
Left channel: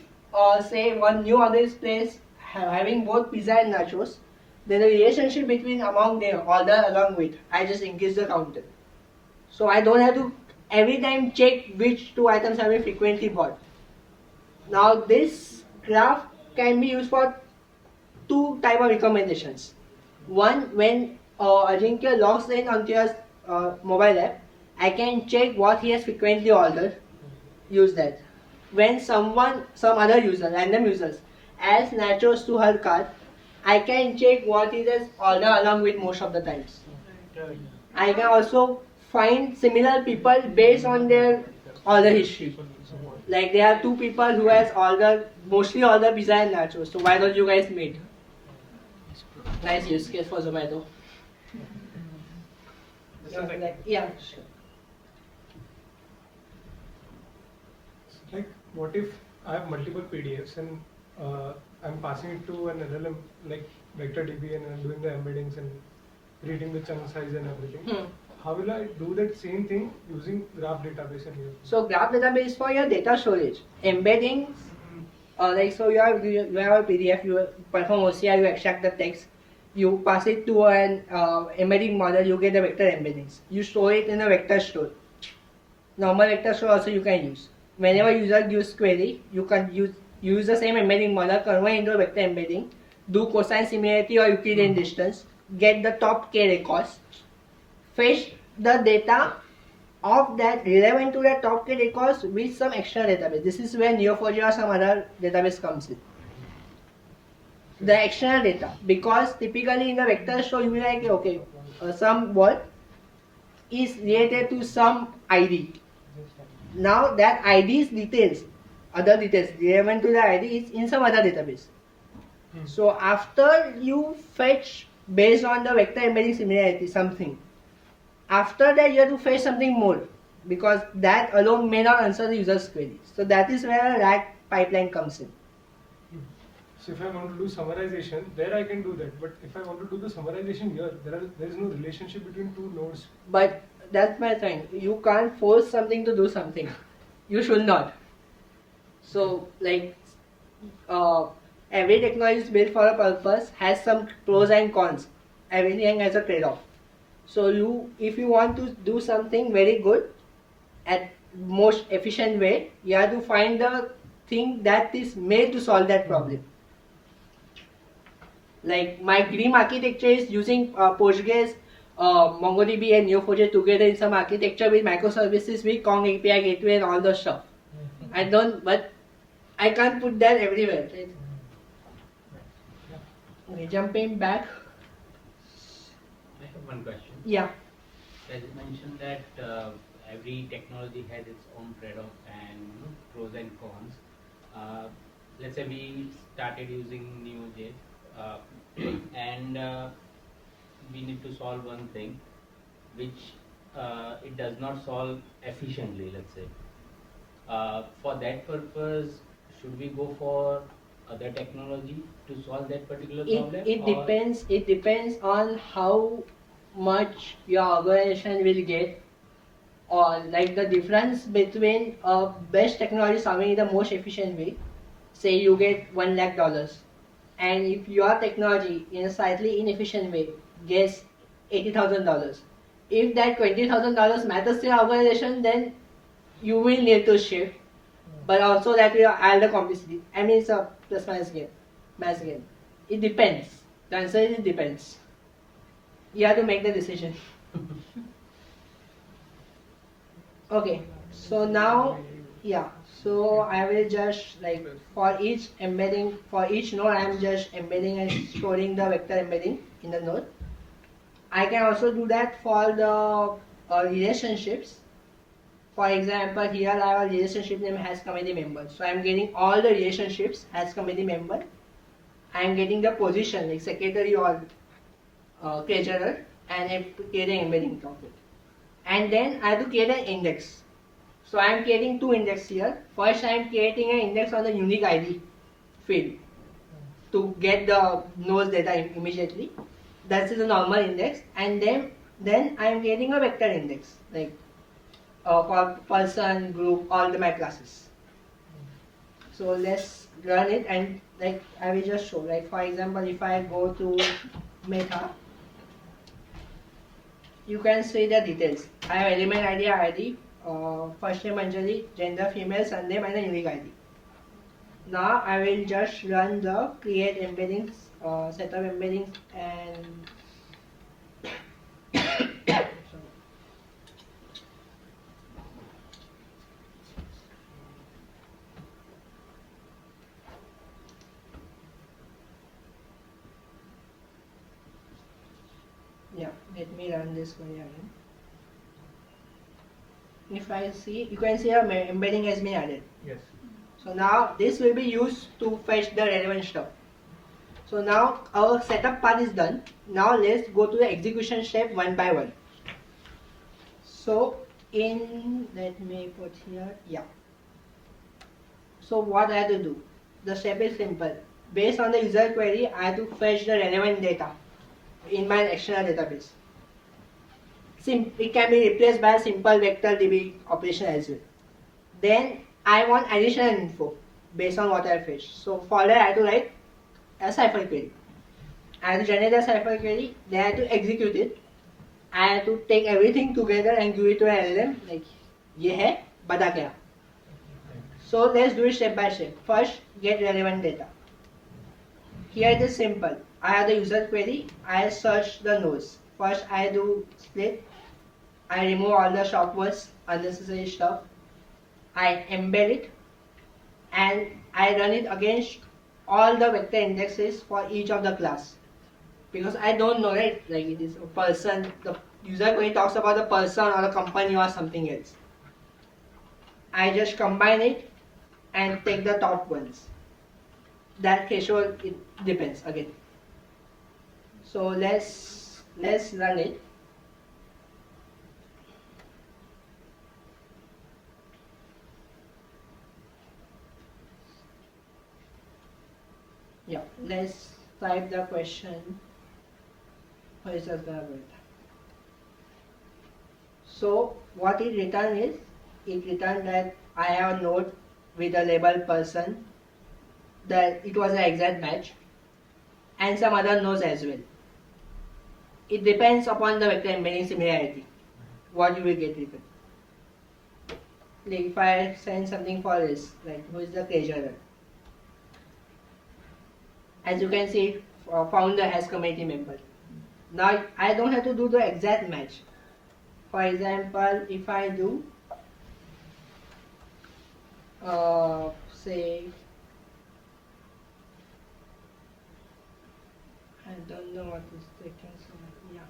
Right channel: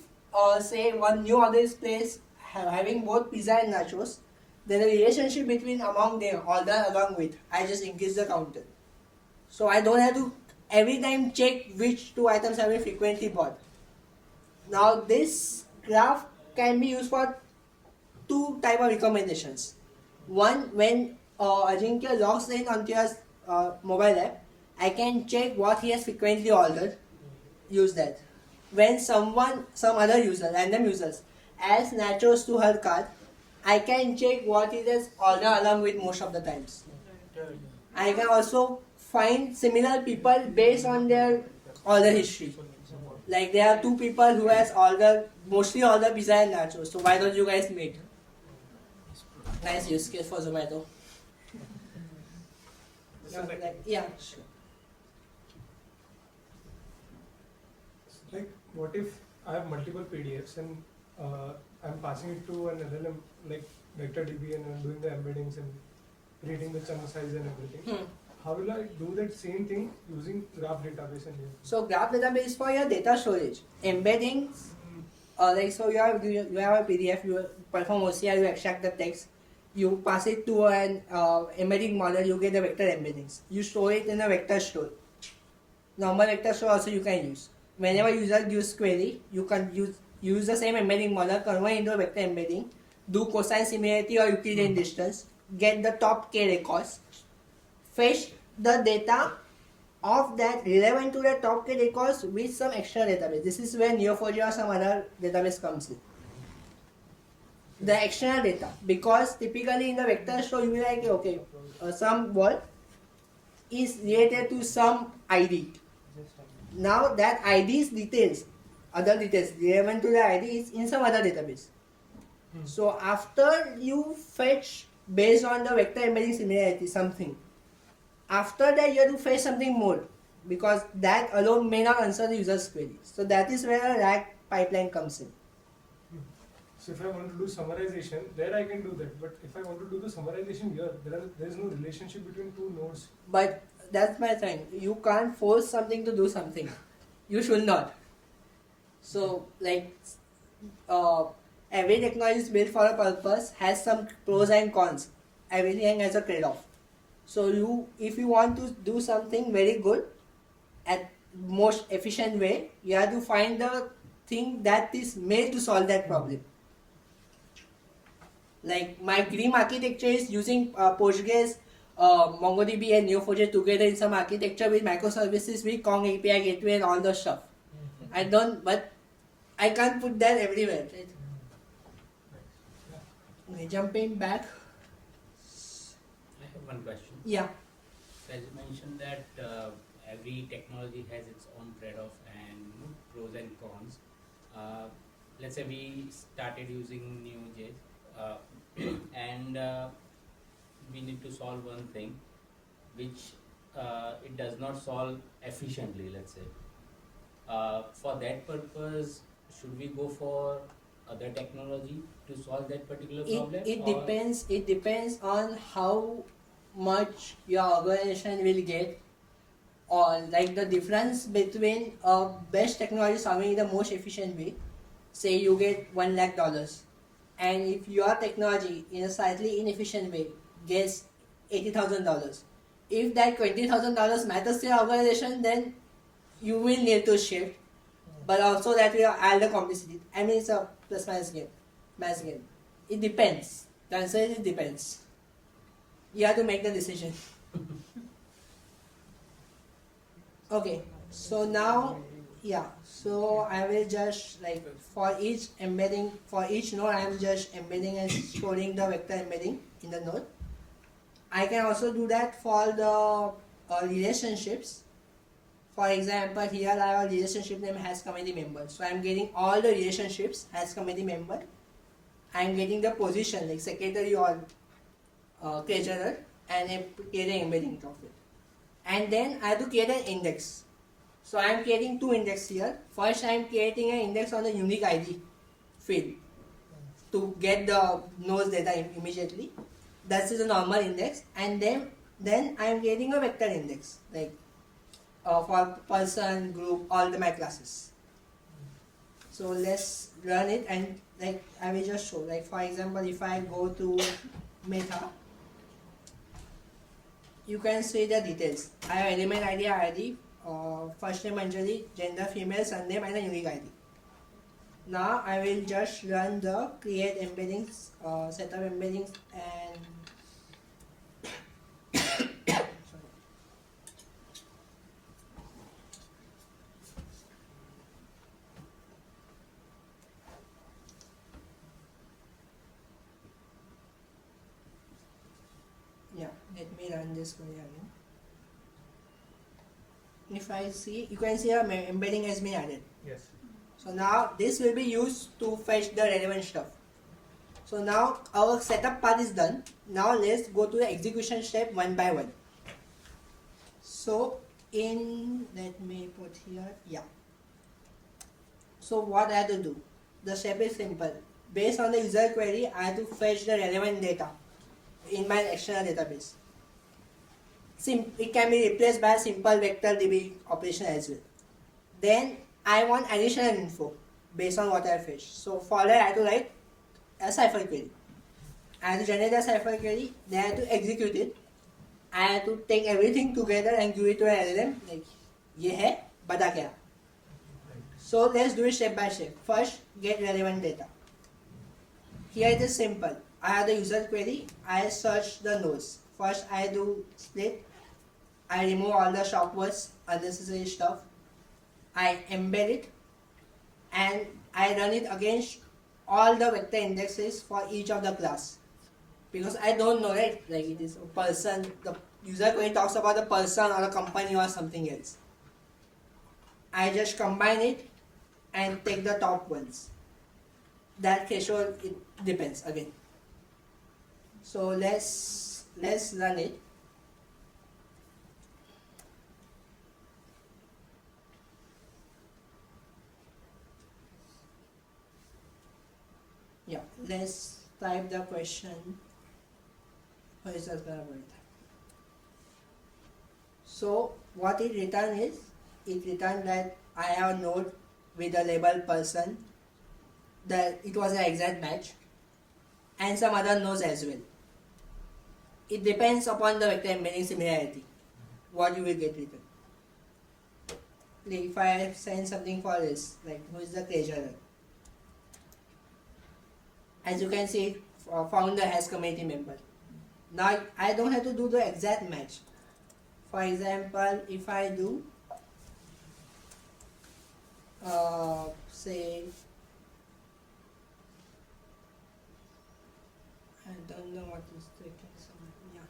say one new order is placed having both pizza and nachos, then the relationship between among the order along with I just increase the counter. So I don't have to every time check which 2 items have been frequently bought. Now this graph can be used for 2 type of recommendations. One, when Ajinkya logs in onto your mobile app, I can check what he has frequently ordered. Use that. When some other user, random users, adds nachos to her cart, I can check what he has ordered along with most of the times. I can also find similar people based on their order history. Like there are 2 people who has mostly ordered pizza and nachos. So why don't you guys meet? Nice use case for Zomato. Yeah, sure. Like, what if I have multiple PDFs and I'm passing it to an LLM like VectorDB and I'm doing the embeddings and reading the chunk size and everything? How will I do that same thing using graph database and here? So graph database is for your data storage. Embeddings, like so you have a PDF, you perform OCR, you extract the text, you pass it to an embedding model, you get the vector embeddings. You store it in a vector store. Normal vector store also you can use. Whenever user gives query, you can use the same embedding model, convert into a vector embedding, do cosine similarity or Euclidean distance, get the top k records, fetch the data of that relevant to the top 3 records with some extra database. This is where Neo4j or some other database comes in. The external data, because typically in the vector show you will be like, okay, some word is related to some ID. Now that ID's details, other details relevant to the ID is in some other database. So after you fetch based on the vector embedding similarity something, after that you have to fetch something more, because that alone may not answer the user's query. So that is where a RAG pipeline comes in. So if I want to do summarization, there I can do that. But if I want to do the summarization here, there is no relationship between two nodes. But that's my thing. You can't force something to do something. You should not. So like every technology is built for a purpose, has some pros and cons. Everything has a trade-off. So if you want to do something very good at most efficient way, you have to find the thing that is made to solve that problem. Like my Gleam architecture is using Postgres, MongoDB and Neo4j together in some architecture with microservices with Kong API gateway and all the stuff. But I can't put that everywhere, right? Okay, jumping back. I have one question. Yeah. As you mentioned that every technology has its own trade-off and pros and cons. Let's say we started using Neo4j and we need to solve one thing which it does not solve efficiently, let's say. For that purpose, should we go for other technology to solve that particular problem? It depends on how much your organization will get, or like the difference between best technology solving in the most efficient way. Say you get $1 lakh, and if your technology in a slightly inefficient way gets $80,000, if that $20,000 matters to your organization, then you will need to shift. But also that will add the complexity. I mean, it's a plus minus game, mass game. It depends. The answer is it depends. You have to make the decision. Okay, so now, yeah, so I will just like for each embedding, for each node I am just embedding and storing the vector embedding in the node. I can also do that for the relationships. For example, here I have a relationship name has committee member. So I am getting all the relationships as committee member. I am getting the position like secretary or treasurer, and I am creating embedding of it. And then I have to create an index. So I am creating two indexes here. First I am creating an index on the unique ID field to get the nodes data immediately. That is a normal index. And then I am creating a vector index like for person, group, all my classes. So let's run it, and like I will just show. Like for example, if I go to Meta, you can see the details. I have element ID, first name Anjali, gender female, surname, and a unique ID. Now I will just run the create embeddings, setup embeddings, and yeah, let me run this query again. If I see, you can see our embedding has been added. Yes. So now this will be used to fetch the relevant stuff. So now our setup part is done. Now let's go to the execution step one by one. So let me put here, yeah. So what I have to do? The step is simple. Based on the user query, I have to fetch the relevant data in my external database. It can be replaced by a simple vector DB operation as well. Then I want additional info based on what I fetched. So for that I have to write a cipher query. I have to generate a cipher query, then I have to execute it. I have to take everything together and give it to an LLM like ये है बता क्या. So let's do it step by step. First, get relevant data. Here it is simple. I have the user query. I search the nodes. First I do split. I remove all the shop words, unnecessary stuff. I embed it and I run it against all the vector indexes for each of the class. Because I don't know, right? Like it is a person, the user query talks about the person or the company or something else. I just combine it and take the top ones. That threshold, it depends again. So let's run it. Yeah, let's type the question. So what it returned is, it returned that I have a node with a label person, that it was an exact match, and some other nodes as well. It depends upon the vector embedding similarity, what you will get written. Like if I send something for this, like who is the treasurer? As you can see, founder has committee member. Now I don't have to do the exact match. For example, if I do, say, I don't know what is taking so much. Yeah,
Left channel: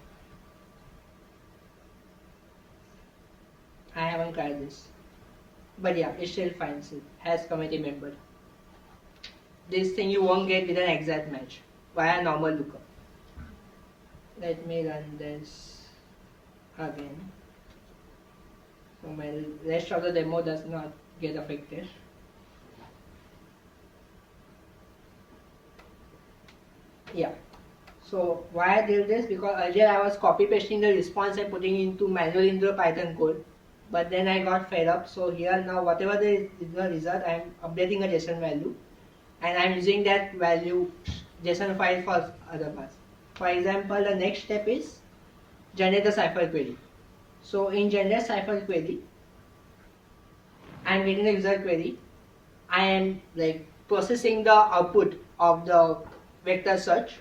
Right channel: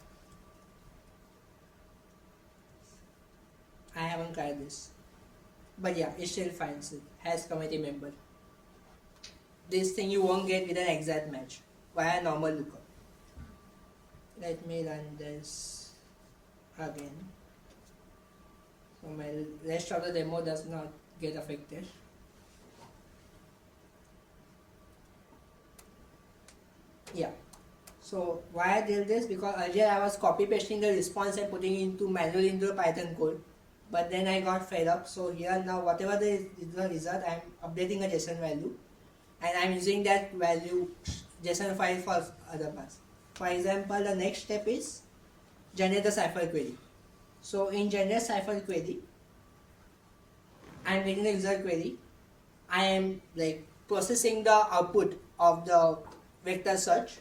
I haven't tried this, but yeah, it still finds it has committee member. This thing you won't get with an exact match via normal lookup. Let me run this again. So my rest of the demo does not get affected. Yeah. So why I did this, because earlier I was copy pasting the response and putting into manually into the Python code, but then I got fed up. So here now whatever the result, I am updating a JSON value, and I am using that value JSON file for other parts. For example, the next step is generate the cipher query. So in generate cipher query, I am getting the user query. I am like processing the output of the vector search.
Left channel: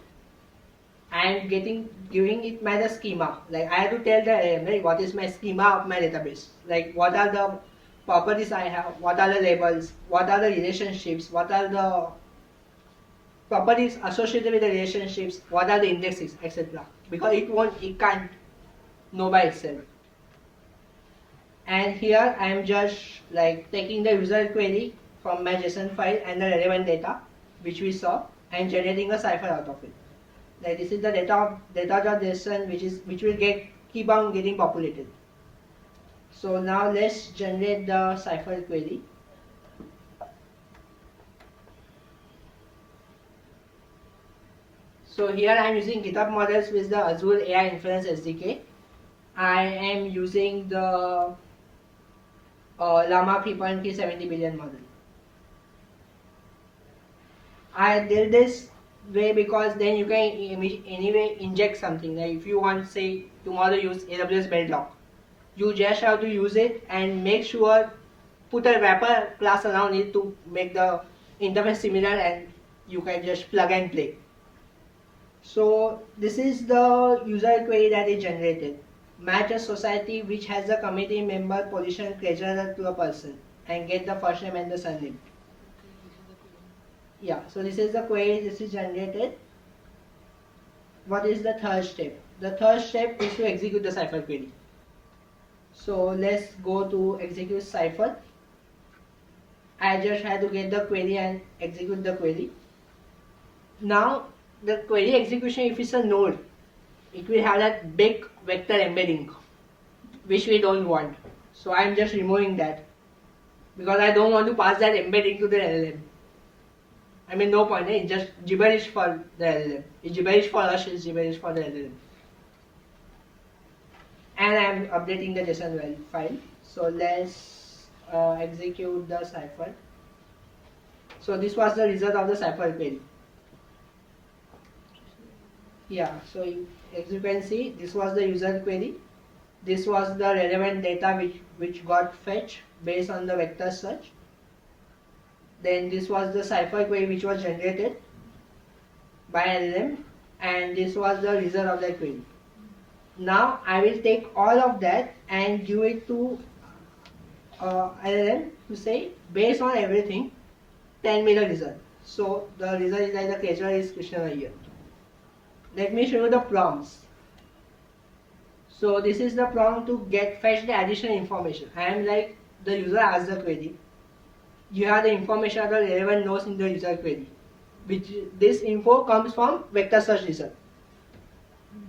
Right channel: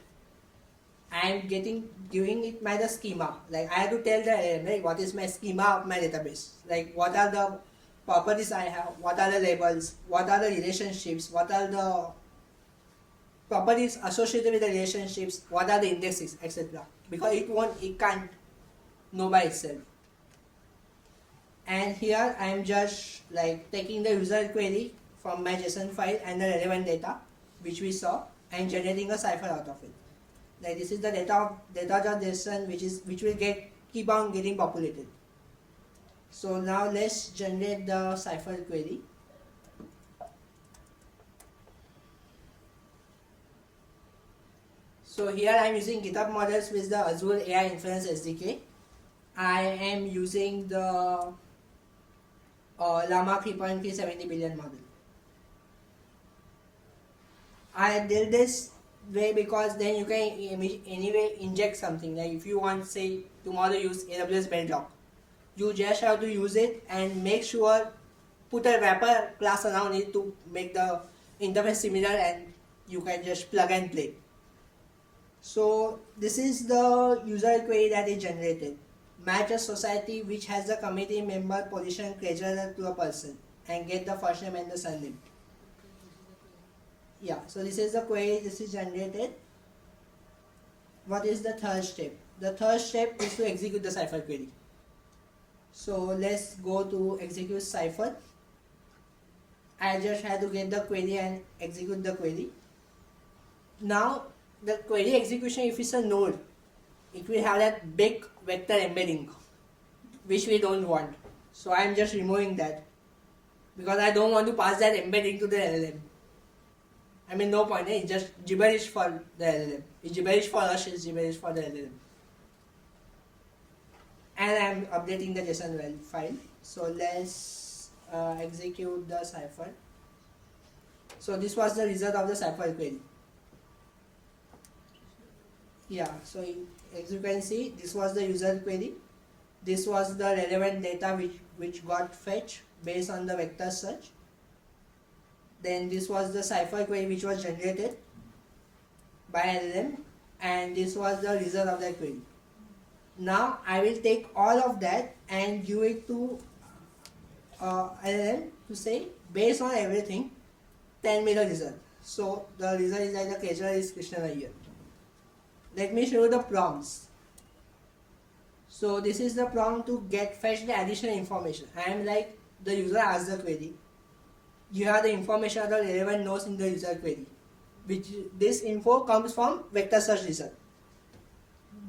I am giving it my the schema. Like I have to tell the LLM, right, what is my schema of my database. Like what are the properties I have, what are the labels, what are the relationships, what are the properties associated with the relationships, what are the indexes, etc. Because it can't know by itself. And here I am just like taking the user query from my JSON file and the relevant data which we saw and generating a cipher out of it. Like this is the data.json which will keep on getting populated. So now let's generate the cipher query. So here I am using GitHub models with the Azure AI Inference SDK. I am using the Llama 3.3 70 billion model. I did this way because then you can anyway inject something. Like if you want, say, tomorrow use AWS Bedrock, you just have to use it and make sure, put a wrapper class around it to make the interface similar, and you can just plug and play. So this is the user query that is generated. Match a society which has the committee member position treasurer to a person and get the first name and the surname. Yeah, so this is the query, this is generated. What is the third step? The third step is to execute the cipher query. So let's go to execute cipher. I just had to get the query and execute the query. Now the query execution, if it's a node, it will have that big vector embedding, which we don't want. So I'm just removing that because I don't want to pass that embedding to the LLM. I mean, no point, it's just gibberish for the LLM. It's gibberish for us, it's gibberish for the LLM. And I'm updating the JSON file. So let's execute the cipher. So this was the result of the cipher query. Yeah, so as you can see, this was the user query. This was the relevant data which got fetched based on the vector search. Then this was the cipher query which was generated by LLM, and this was the result of that query. Now I will take all of that and give it to LLM to say based on everything, tell me the result. So the result is like the casual is Krishna here. Let me show you the prompts. So this is the prompt to get fetch the additional information. I am like the user asks the query. You have the information of the relevant nodes in the user query. Which this info comes from vector search result.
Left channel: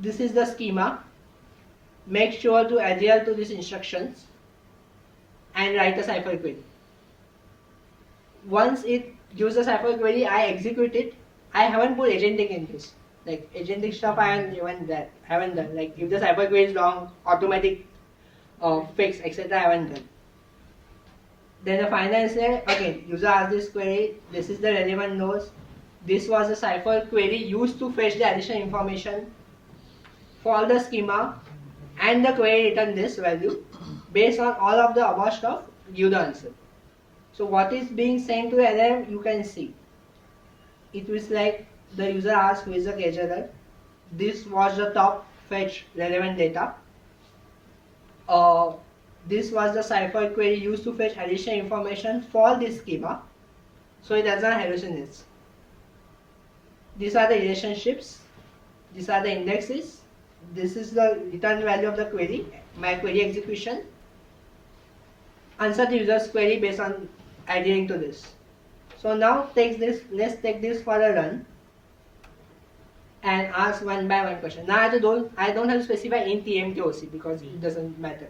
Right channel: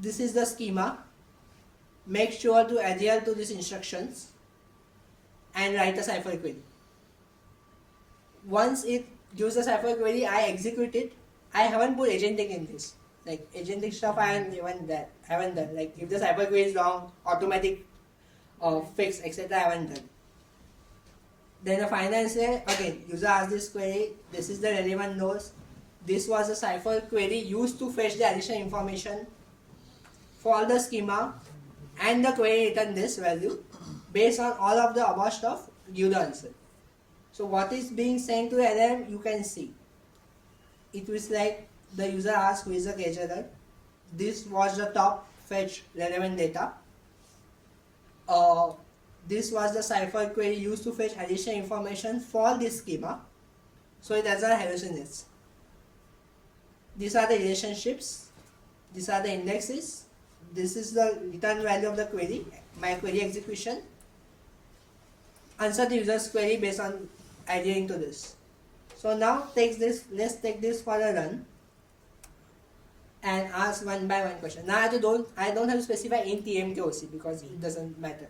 This is the schema. Make sure to adhere to these instructions and write a cipher query. Once it gives a cipher query, I execute it. I haven't put agentic in this. Like agentic stuff I haven't done. Like if the cipher query is wrong, automatic fix, etc. I haven't done. Then the final answer, again, user asks this query, this is the relevant nodes. This was a cipher query used to fetch the additional information for the schema, and the query returned this value. Based on all of the above stuff, give the answer. So what is being sent to the LLM, you can see. It was like the user asks who is the scheduler. This was the top fetch relevant data. This was the cipher query used to fetch additional information for this schema. So it doesn't hallucinate. These are the relationships. These are the indexes. This is the return value of the query, my query execution. Answer the user's query based on adhering to this. So now let's take this for a run and ask one by one question. Now I don't have to specify in TMKOC because it doesn't matter.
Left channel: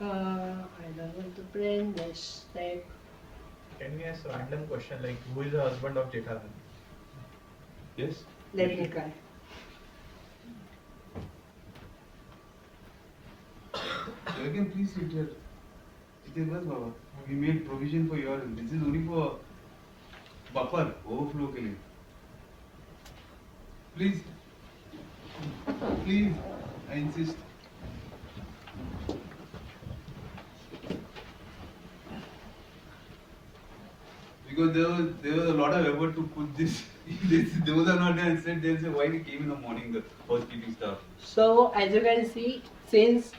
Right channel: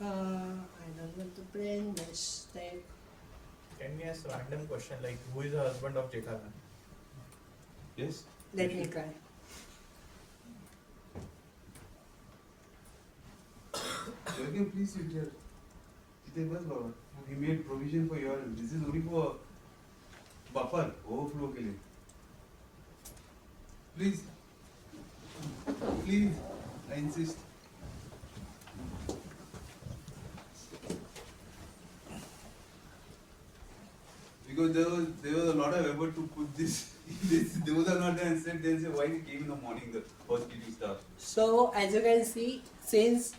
I don't want to print. Let's take. Can we ask a random question like who is the husband of Jetharan? Yes? Let me try. You can please sit here. It is bus, Baba. We made provision for your. This is only for buffer, overflow ke liye. Please. Please. I insist. Because there was a lot of effort to put this. Those are not there. Instead, they'll say why we came in the morning, the housekeeping stuff. So as you can see, since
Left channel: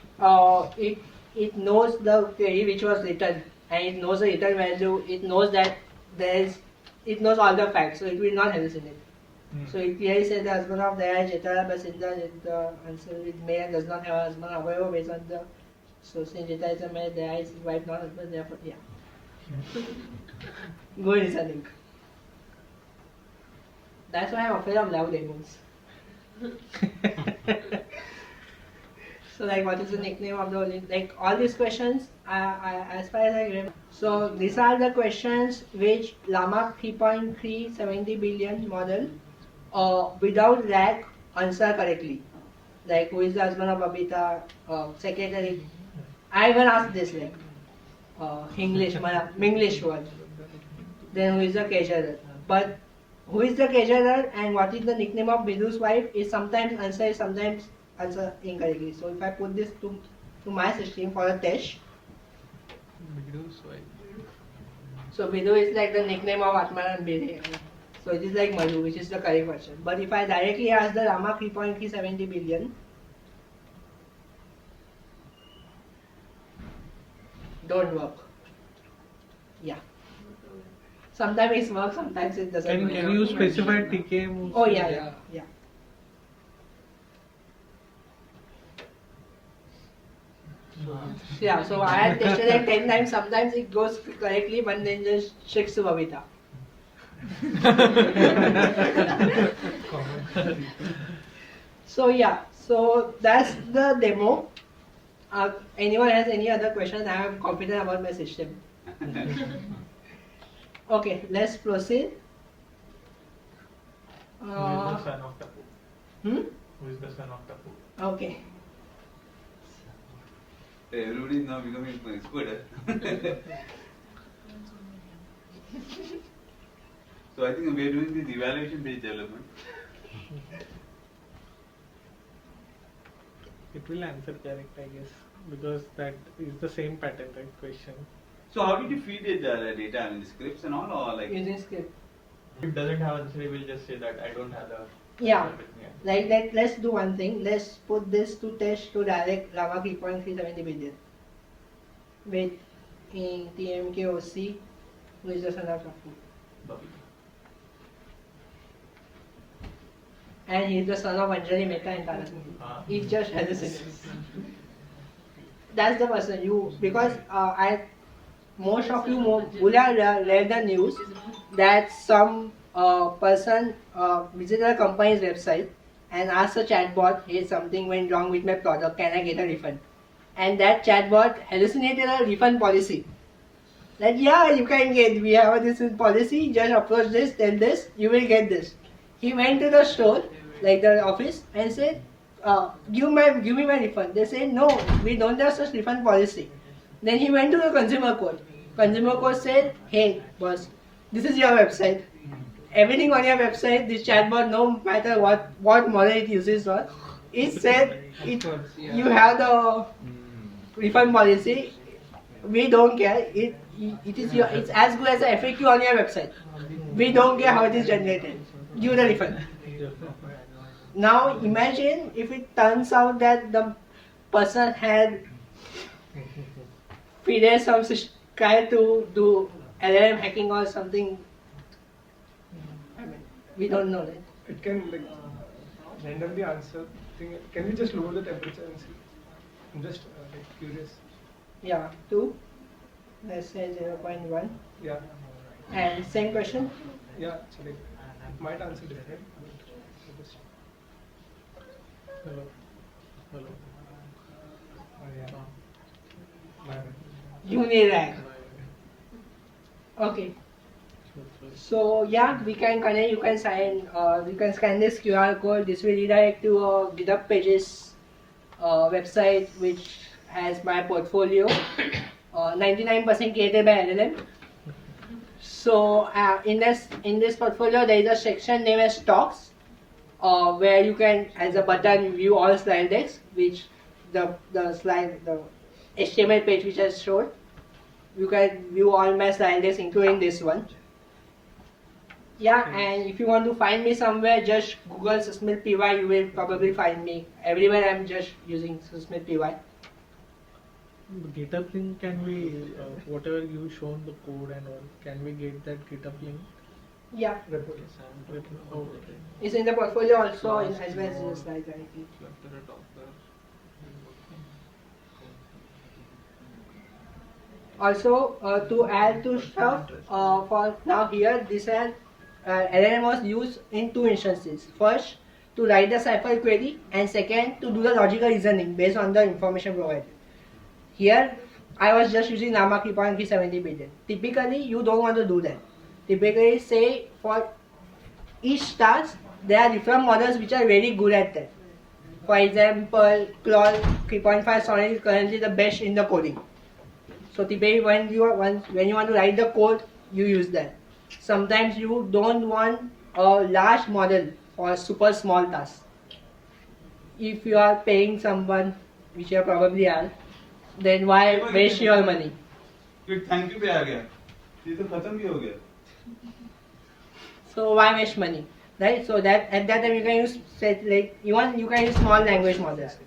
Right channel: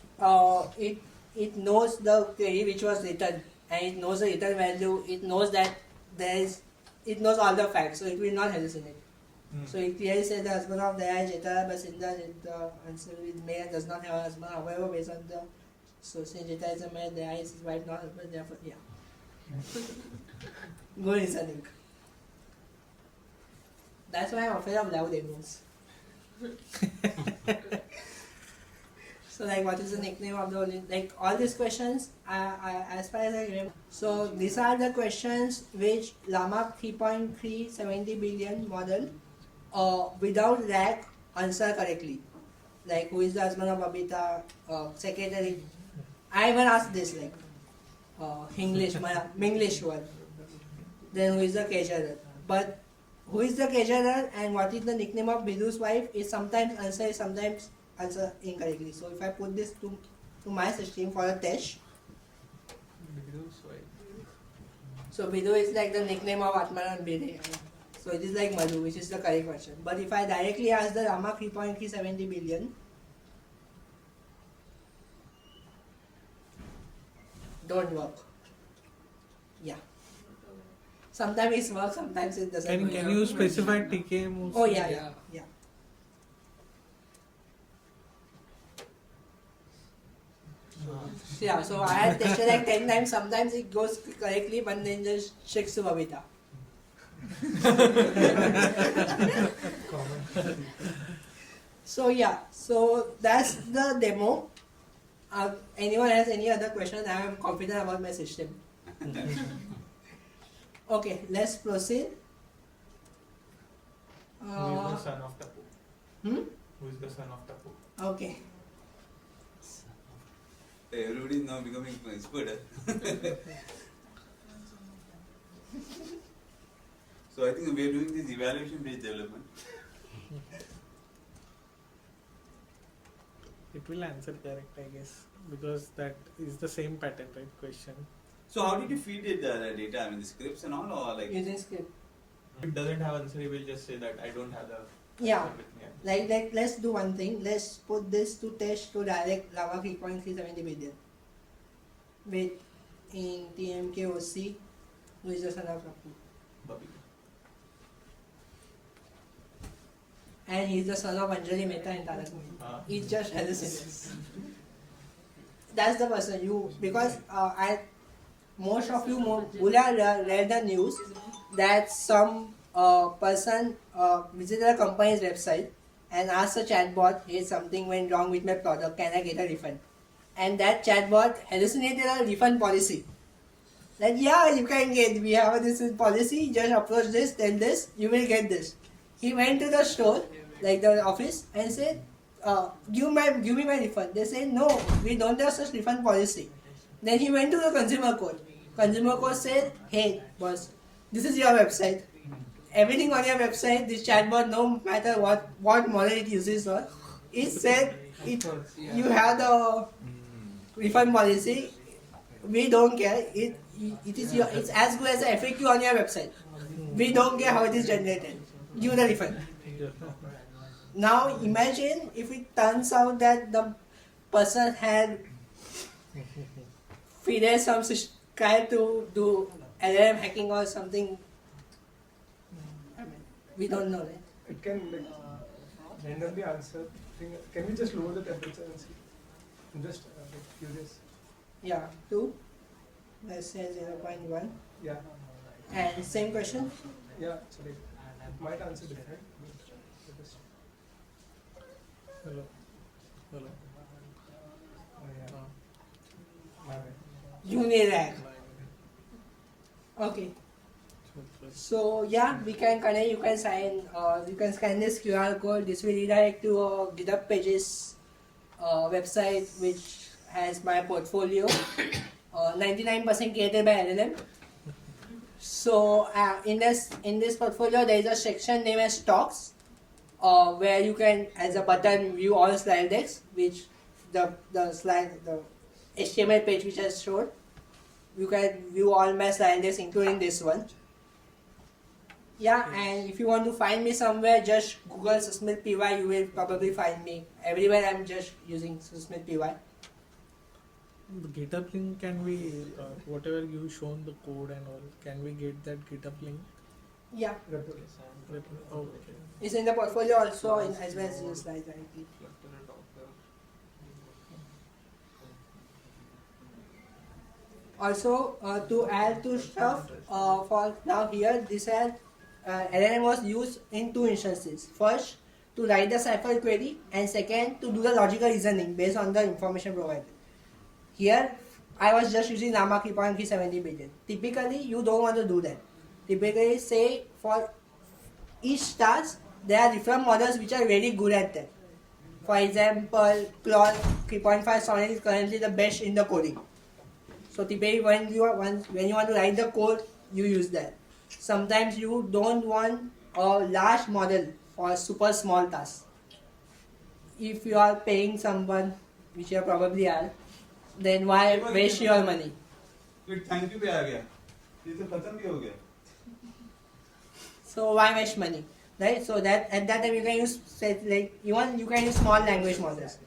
it knows the query which was written and it knows the return value, it knows that it knows all the facts, so it will not hallucinate. So it clearly says the husband of Daya Jeta Basinda, the answer is male, does not have a husband. However, based on the so since Jeta is a male, Daya is his wife, not husband. Therefore, yeah. Good reasoning. That's why I'm afraid of loud demons. So like what is the nickname of the like all these questions as far as I remember. So these are the questions which Llama 3.3 70 billion model without RAG answer correctly. Like who is the husband of Babita, secretary. I even asked this like English one. Then who is the caterer? But who is the caterer and what is the nickname of Bidu's wife is sometimes answer, sometimes answer incorrectly. So if I put this to my system for a test. Bidu's wife. So Bidu is like the nickname of Atman and Bide. So it is like Madhu, which is the correct version. But if I directly ask the Rama 3.370 billion, don't work. Yeah. Sometimes it works, sometimes it doesn't work. Can you specify TKM? Oh yeah. Yeah, so I had tested like 10 times, sometimes it goes correctly, but then just shakes to Babita. So yeah, so that's the demo. Anyone has any other question? I am confident about my system. Okay, let's proceed. Who is the son of Tapu? Who is the son of Tapu? Okay. Everybody is now becoming expert. So I think we are doing this evaluation based development. It will answer correct, I guess, because that is the same pattern, right? Question. So how did you feed it the data? I mean, the scripts and all, or like? Using script. If it doesn't have answer, it will just say that I don't have the Yeah. Like let's do one thing. Let's put this to test to direct Lava 3.370 billion with in TMKOC, who is the son of Raku. And he's the son of Anjali Mehta and Tarak Mehta. He just has a sentence. That's the person you, because most of you would have read the news that some person visited a company's website and asked a chatbot, hey, something went wrong with my product, can I get a refund? And that chatbot hallucinated a refund policy. That yeah, you can get, we have this policy, just approach this, tell this, you will get this. He went to the store, like the office, and said, give me my refund. They said, no, we don't have such refund policy. Then he went to the consumer court. Consumer court said, hey, boss, this is your website. Everything on your website, this chatbot, no matter what model it uses, it said you have the refund policy. We don't care. It's as good as the FAQ on your website. We don't care how it is generated. Give the refund. Now imagine if it turns out that the person had fidel some try to do LLM hacking or something. I mean, we don't know, right? It can like randomly answer thing. Can we just lower the temperature and see? I'm just like curious. Yeah, 2. Let's say 0.1. Yeah. And same question. Yeah. So like it might answer different. But just, Hello. Hello. yeah. My bad. Unirag. Okay. So yeah, we can connect. You can sign. You can scan this QR code. This will redirect to a GitHub Pages website, which has my portfolio. 99% created by LLM. So in this portfolio, there is a section named as Stocks, where you can, as a button, view all slide decks, which the HTML page which I showed. You can view all my slide decks, including this one. Yeah, and if you want to find me somewhere, just Google Susmit PY. You will probably find me everywhere. I'm just using Susmit PY. The GitHub link, can we, whatever you shown the code and all, can we get that GitHub link? Yeah, Report. Oh, okay. it's in the portfolio also, as well as in the slide directly. Also, to add to stuff, for now here, this had LLM was used in 2 instances. First, to write the cipher query, and second, to do the logical reasoning based on the information provided. Here, I was just using Llama 3.370 billion. Typically, you don't want to do that. Typically, say for each task, there are different models which are very good at that. For example, Claude 3.5 Sonnet is currently the best in the coding. So typically, when you want to write the code, you use that. Sometimes you don't want a large model for a super small task. If you are paying someone, which you probably are, then why waste your money? ये thank you पे आ गया ये तो खत्म भी हो गया So why waste money, right? So that at that time you can use you can use small language models.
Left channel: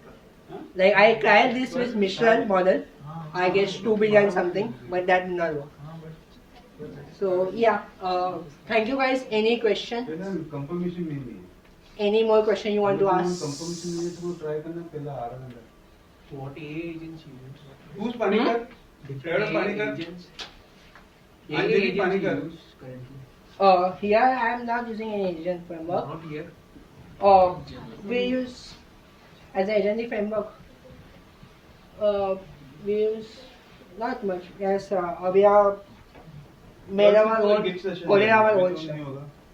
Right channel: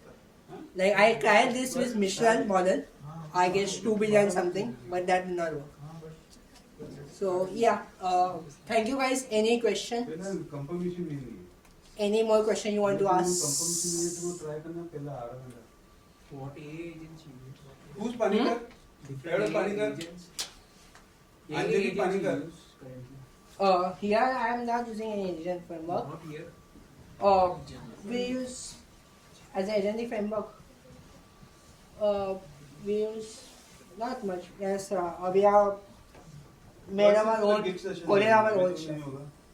Like I tried this with Mistral model, I guess 2 billion something, but that did not work. So yeah, thank you guys. Any question? Confirmation में नहीं Any more question you want to ask? Confirmation में तो try करना पहले आ रहा है What AI agents you use? who's Panikar Different AI AI agents. AI Anjali agents you Panikar. use currently. Here I am not using any agent framework. Not here. We use as an agentic framework. We use not much. Yes, we are made our own, coded our own stuff.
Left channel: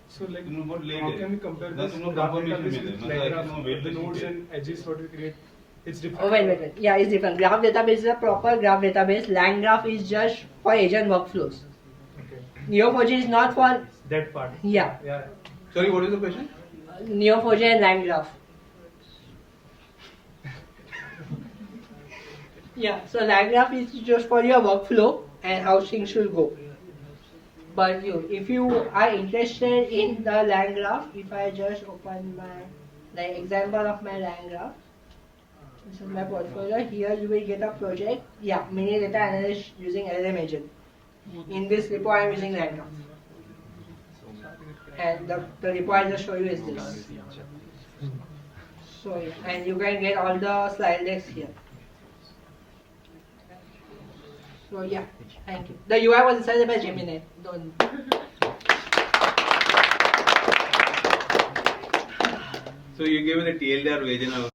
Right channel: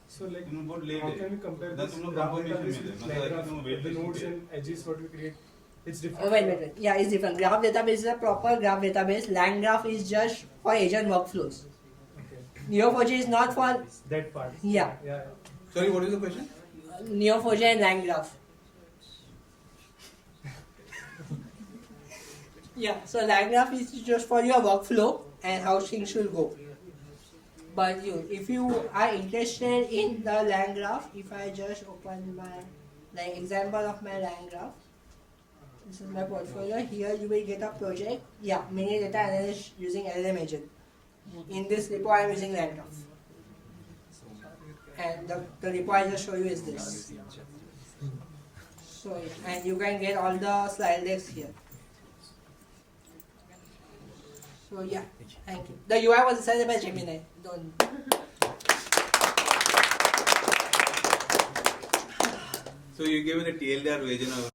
So like, तुम बहुत late how है can we compare ना this तुम लोग graph confirmation database में with थे line graph, the nodes and edges what we create? It's different. Oh, wait. Yeah, it's different. Graph database is a proper graph database. Line graph is just for agent workflows. Okay. Neo4j is not for, That part. yeah, Yeah. sorry what is the question Neo4j and line graph. Yeah, so line graph is just for your workflow and how things should go. But if you are interested in the line graph, if I just open my example of my line graph, this is my portfolio. Here you will get a project. Yeah, mini data analyst using LLM agent. In this repo, I am using line graph. And the repo I just show you is this. So yeah, and you can get all the slide decks here. So yeah, thank you. The UI was decided by Gemini. Don't. So you given a TLDR version of